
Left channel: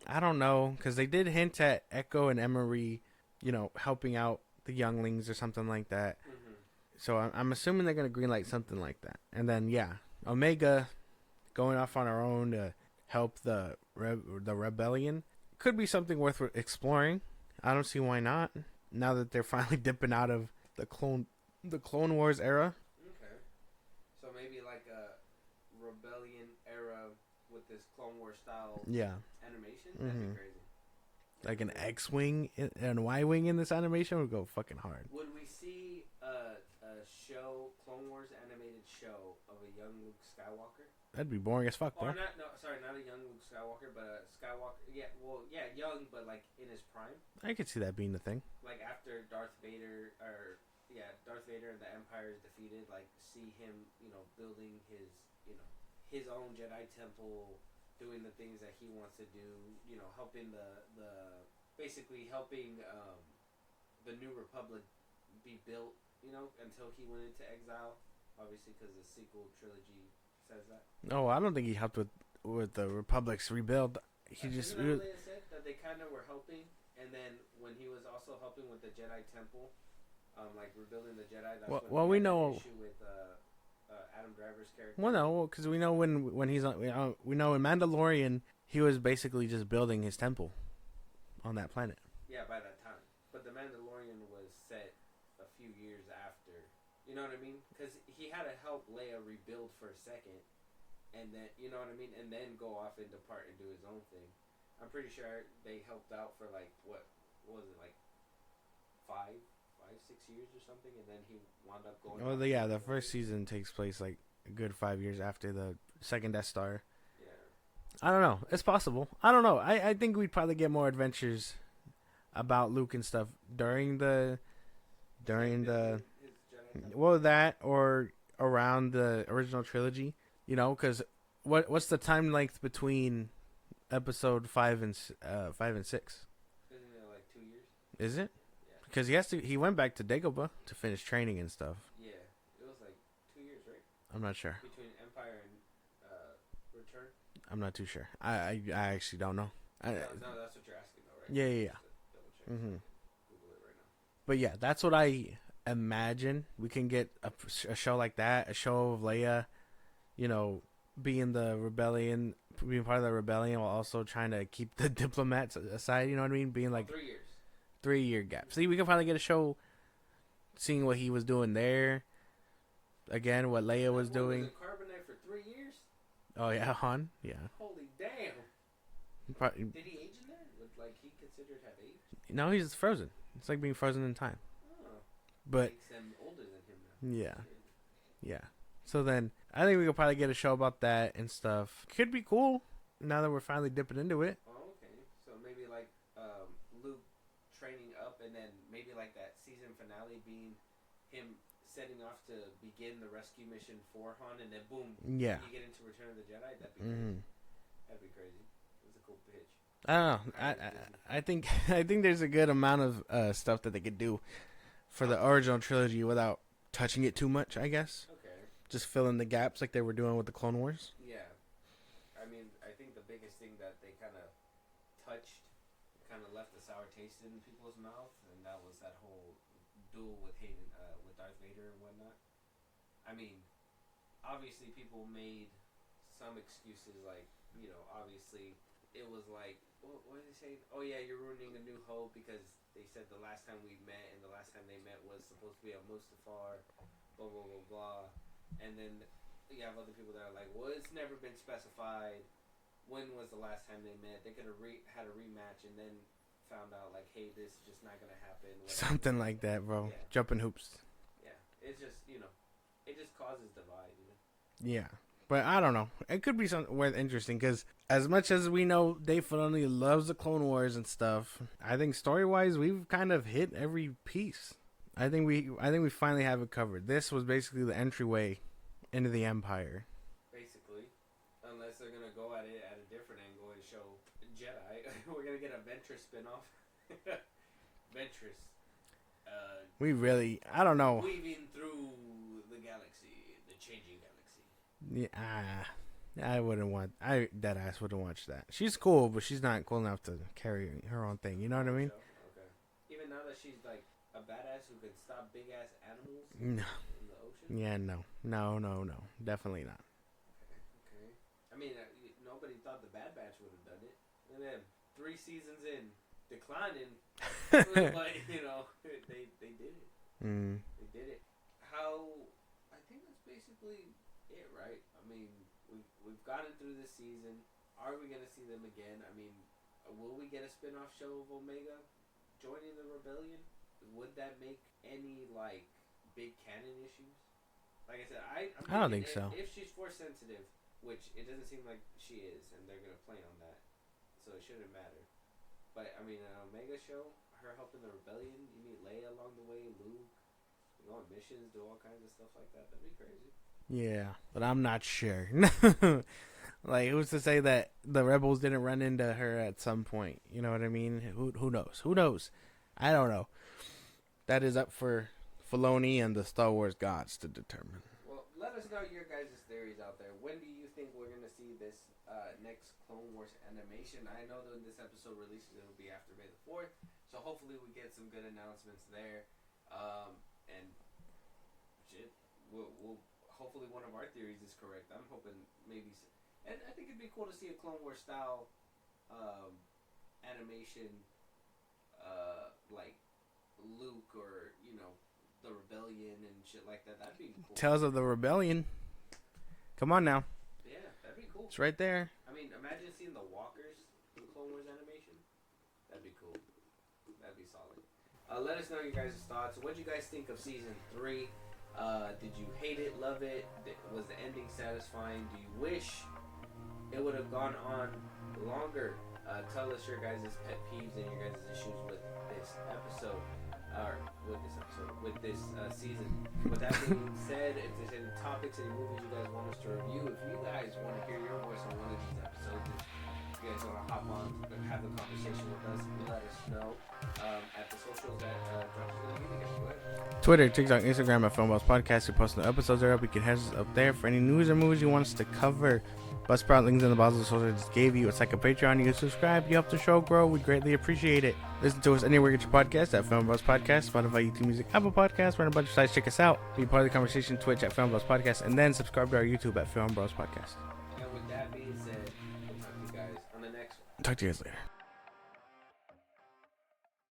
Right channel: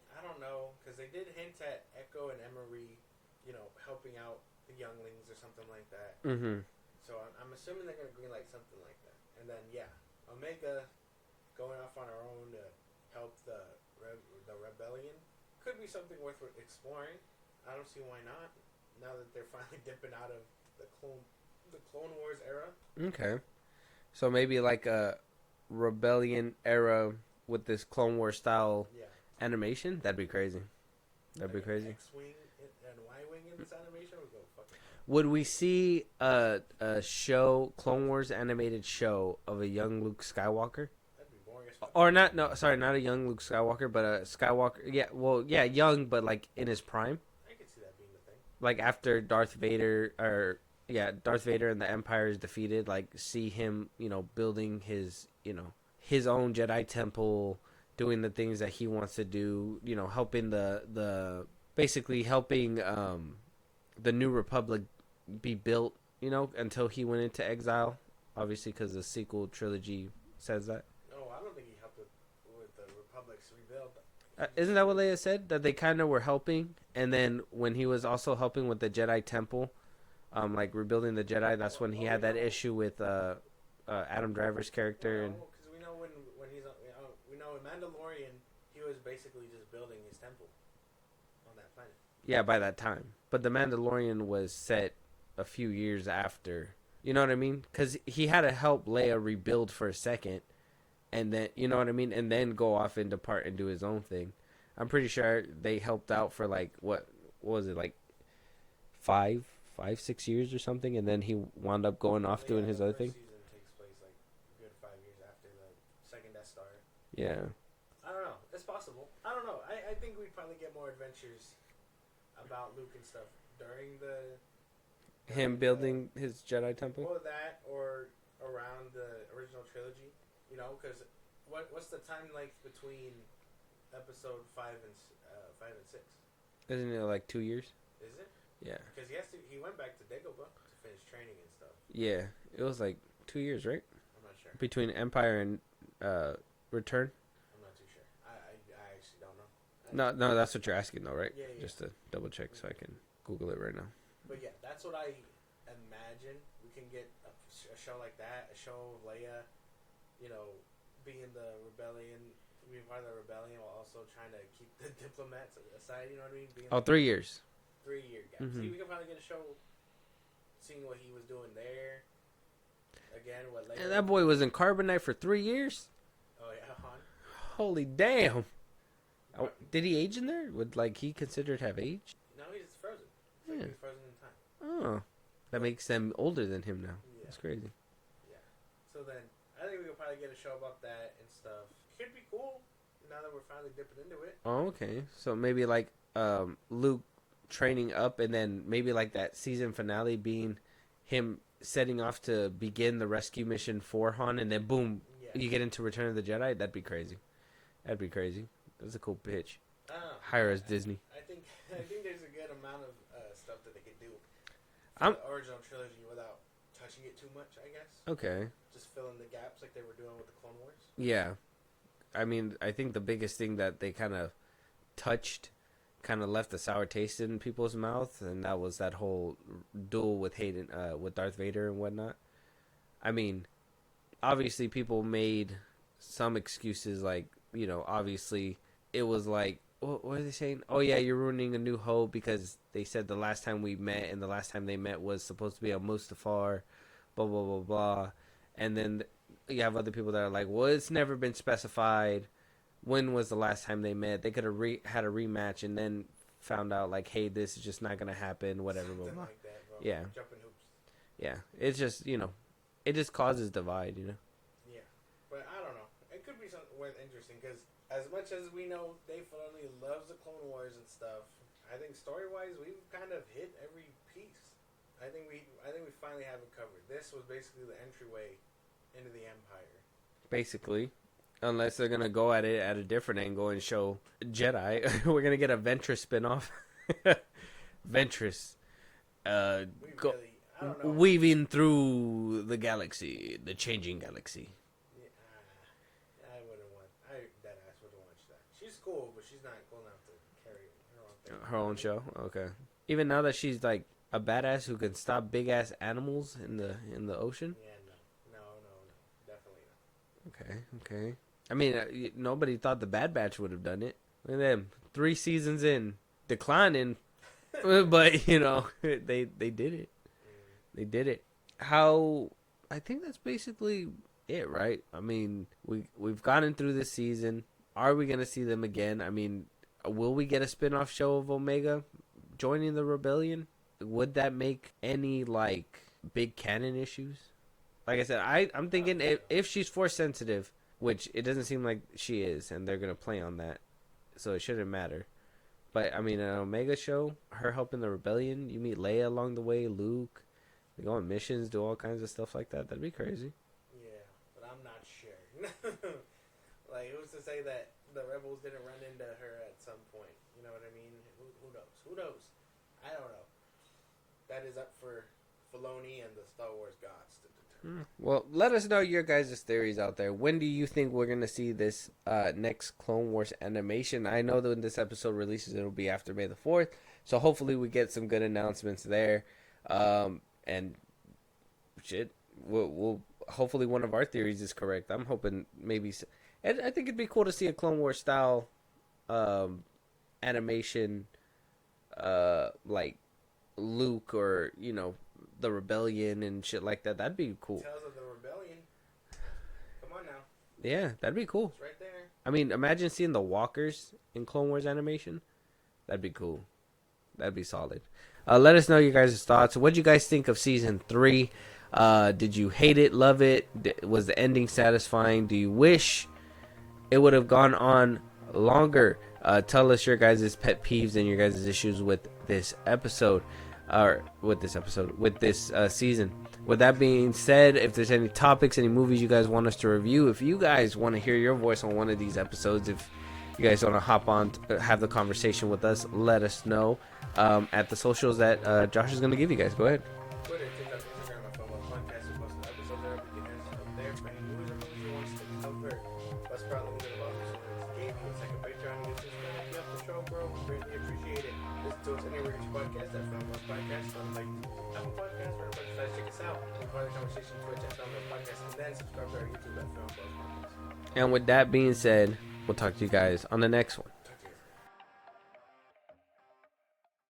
I don't know, because they did hint at Echo and Emery, you know, helping out the younglings or something like that. So I'm assuming they're gonna greenlight something like that. And then Omega going off on her own to help the rebellion could be something worth exploring. I don't see why not. Now that they're finally dipping out of the Clone Wars era. Okay, so maybe like a Rebellion era with this Clone Wars style Yeah. animation, that'd be Mhm. crazy. That'd Like be an crazy. X-wing and Y-wing in this animation would go fucking hard. Would we see a show, Clone Wars animated show of a young Luke Skywalker? That'd be boring as fuck. Or right? not? No, sorry, not a young Luke Skywalker, but a Skywalker. Yeah, well, yeah, young, but like in his prime, I could see that being the thing. like after Darth Vader, or yeah, Darth Vader and the Empire is defeated. Like see him, building his, his own Jedi temple, doing the things that he wants to do. Helping the basically helping the New Republic be built. Until he went into exile, obviously because the sequel trilogy says that. No, I don't think he helped with the Republic's rebuild. He just Isn't that what really- Leia said? That they kind of were helping, and then when he was also helping with the Jedi Temple, like rebuilding the Jedi, that's when Well, he we had that know- issue with Adam Driver's character. Well, no, because we know when he's on, we know in Mandalorian he was basically just building his temple on that planet. Yeah, by that time. But the Mandalorian was set a few years after. You know what I mean? Because he had to help Leia rebuild for a second, and then you know what I mean, and then go off and depart and do his own thing. I'm pretty sure they helped out for like what was it, like 6 years or something, and then he wound up going off doing yeah, his the other first thing. season takes place like a good 5 years after the second Death Star. Yeah, I don't know. It's possible. I don't know. I think we'd probably get more adventures about Luke and stuff during him building his Jedi temple. well, that or around the original trilogy, because what's the time length between episode 5 and 6? Isn't it like 2 years? Is it? Yeah, Because he went back to Dagobah to finish training and stuff. yeah. It was like 2 years, right, I'm not sure. between Empire and Return. I'm not too sure. I actually don't know. No, that's what you're asking though, right? Yeah, yeah, Just to double check so I Mhm. can Google it right now. But yeah, that's what I imagine. We can get a show like that, a show of Leia, being the rebellion, being part of the rebellion while also trying to keep the diplomats aside. You know what I mean? Being like 3 years. 3 year gap. Mhm. See, we can finally get a show seeing what he was doing there. Again, what Leia And that was boy doing. was in carbonite for 3 years. Oh yeah, Han. Yeah. Holy damn! But- Did he age in there? Would like he considered have aged? No, he's frozen. It's like Yeah. being frozen in time. Oh, that But makes them older than him now. yeah, It's crazy. yeah. So then I think we could probably get a show about that and stuff. Could be cool now that we're finally dipping into it. Oh, okay. So maybe like Luke training up, and then maybe like that season finale being him setting off to begin the rescue mission for Han, and then boom, Yeah. you get into Return of the Jedi. That'd be crazy. Mhm. That'd be crazy. That's a cool pitch. I don't know. Hire us, Disney. I think I think there's a good amount of stuff that they could do for I'm- the original trilogy without touching it too much. I guess Okay. just fill in the gaps like they were doing with the Clone Wars. Yeah. I mean, I think the biggest thing that they kind of touched, kind of left a sour taste in people's mouth, and that was that whole duel with Hayden, with Darth Vader and whatnot. I mean, obviously people made some excuses, like, obviously it was like, what are they saying? Oh yeah, you're ruining A New Hope because they said the last time we met and the last time they met was supposed to be on Mustafar, blah blah blah blah, and then you have other people that are like, well, it's never been specified when was the last time they met. They could have had a rematch and then found out like, hey, this is just not gonna happen. Whatever, Something blah, blah. like that, bro. Yeah. Jumping hoops. Yeah, it's just it just causes divide. Yeah, but I don't know. It could be something worth interesting because as much as we know Dave Filoni loves the Clone Wars and stuff, I think story wise we've kind of hit every piece. I think we finally have it covered. This was basically the entryway into the Empire. Basically, unless they're gonna go at it at a different angle and show Jedi, we're gonna get a Ventress spinoff. Ventress. We really, I don't know. Weaving through the galaxy, the changing galaxy. Yeah, I wouldn't want. Dead ass wouldn't watch that. She's cool, but she's not cool enough to carry her own thing. You know Her what I own mean? show. Okay. Even now that she's like a badass who can stop big ass animals in No. the ocean. Yeah, no, definitely not. Okay. I mean, nobody thought the Bad Batch would have done it. Look at them, 3 seasons in, declining, but they did it. Mm. They did it. How? I think that's basically it, right? I mean, we've gotten through this season. Are we gonna see them again? I mean, will we get a spin-off show of Omega joining the rebellion? Would that make any like big canon issues? Like I said, I'm thinking think so. if she's force sensitive, which it doesn't seem like she is, and they're gonna play on that, so it shouldn't matter. But I mean, an Omega show, her helping the rebellion, you meet Leia along the way, Luke, they go on missions, do all kinds of stuff like that. That'd be crazy. Yeah, but I'm not sure. Like, who's to say that the rebels didn't run into her at some point? You know what I mean? Who knows? Who knows? I don't know. That is up for Filoni and the Star Wars gods to determine. Well, let us know your guys' theories out there. When do you think we're going to see this next Clone Wars animation? I know that when this episode releases, it'll be after May the 4th. So hopefully we get some good announcements there. And shit, we'll hopefully one of our theories is correct. I'm hoping maybe... And I think it'd be cool to see a Clone Wars style animation like Luke or, you know, the rebellion and shit like that. That'd be cool. Tales of the Rebellion. Come on now. Yeah, that'd be cool. It's right there. I mean, imagine seeing the walkers in Clone Wars animation. That'd be cool. That'd be solid. Let us know your guys' thoughts. What'd you guys think of season 3? Did you hate it, love it? Was the ending satisfying? Do you wish it would have gone on longer? Tell us your guys' pet peeves and your guys' issues with this episode. With this season. With that being said, if there's any topics, any movies you guys want us to review, if you guys want to hear your voice on one of these episodes, if you guys want to hop on, have the conversation with us, let us know at the socials that Josh is going to give you guys. Go ahead. Twitter, TikTok, Instagram at FilmBros Podcast. We post the episodes are up. You can head us up there for any news or movies you want us to cover. Buzzsprout links in the bottom of the social I just gave you. It's like a Patreon. You can subscribe. You help the show grow. We greatly appreciate it. Listen to us anywhere you get your podcast at FilmBros Podcast, Spotify, YouTube Music, Apple Podcasts. We're on a bunch of sites. Check us out. Be part of the conversation. Twitch at FilmBros Podcast, and then subscribe to our YouTube at FilmBros Podcast. And with that being said, we'll talk to you guys on the next one. Talk to you guys later.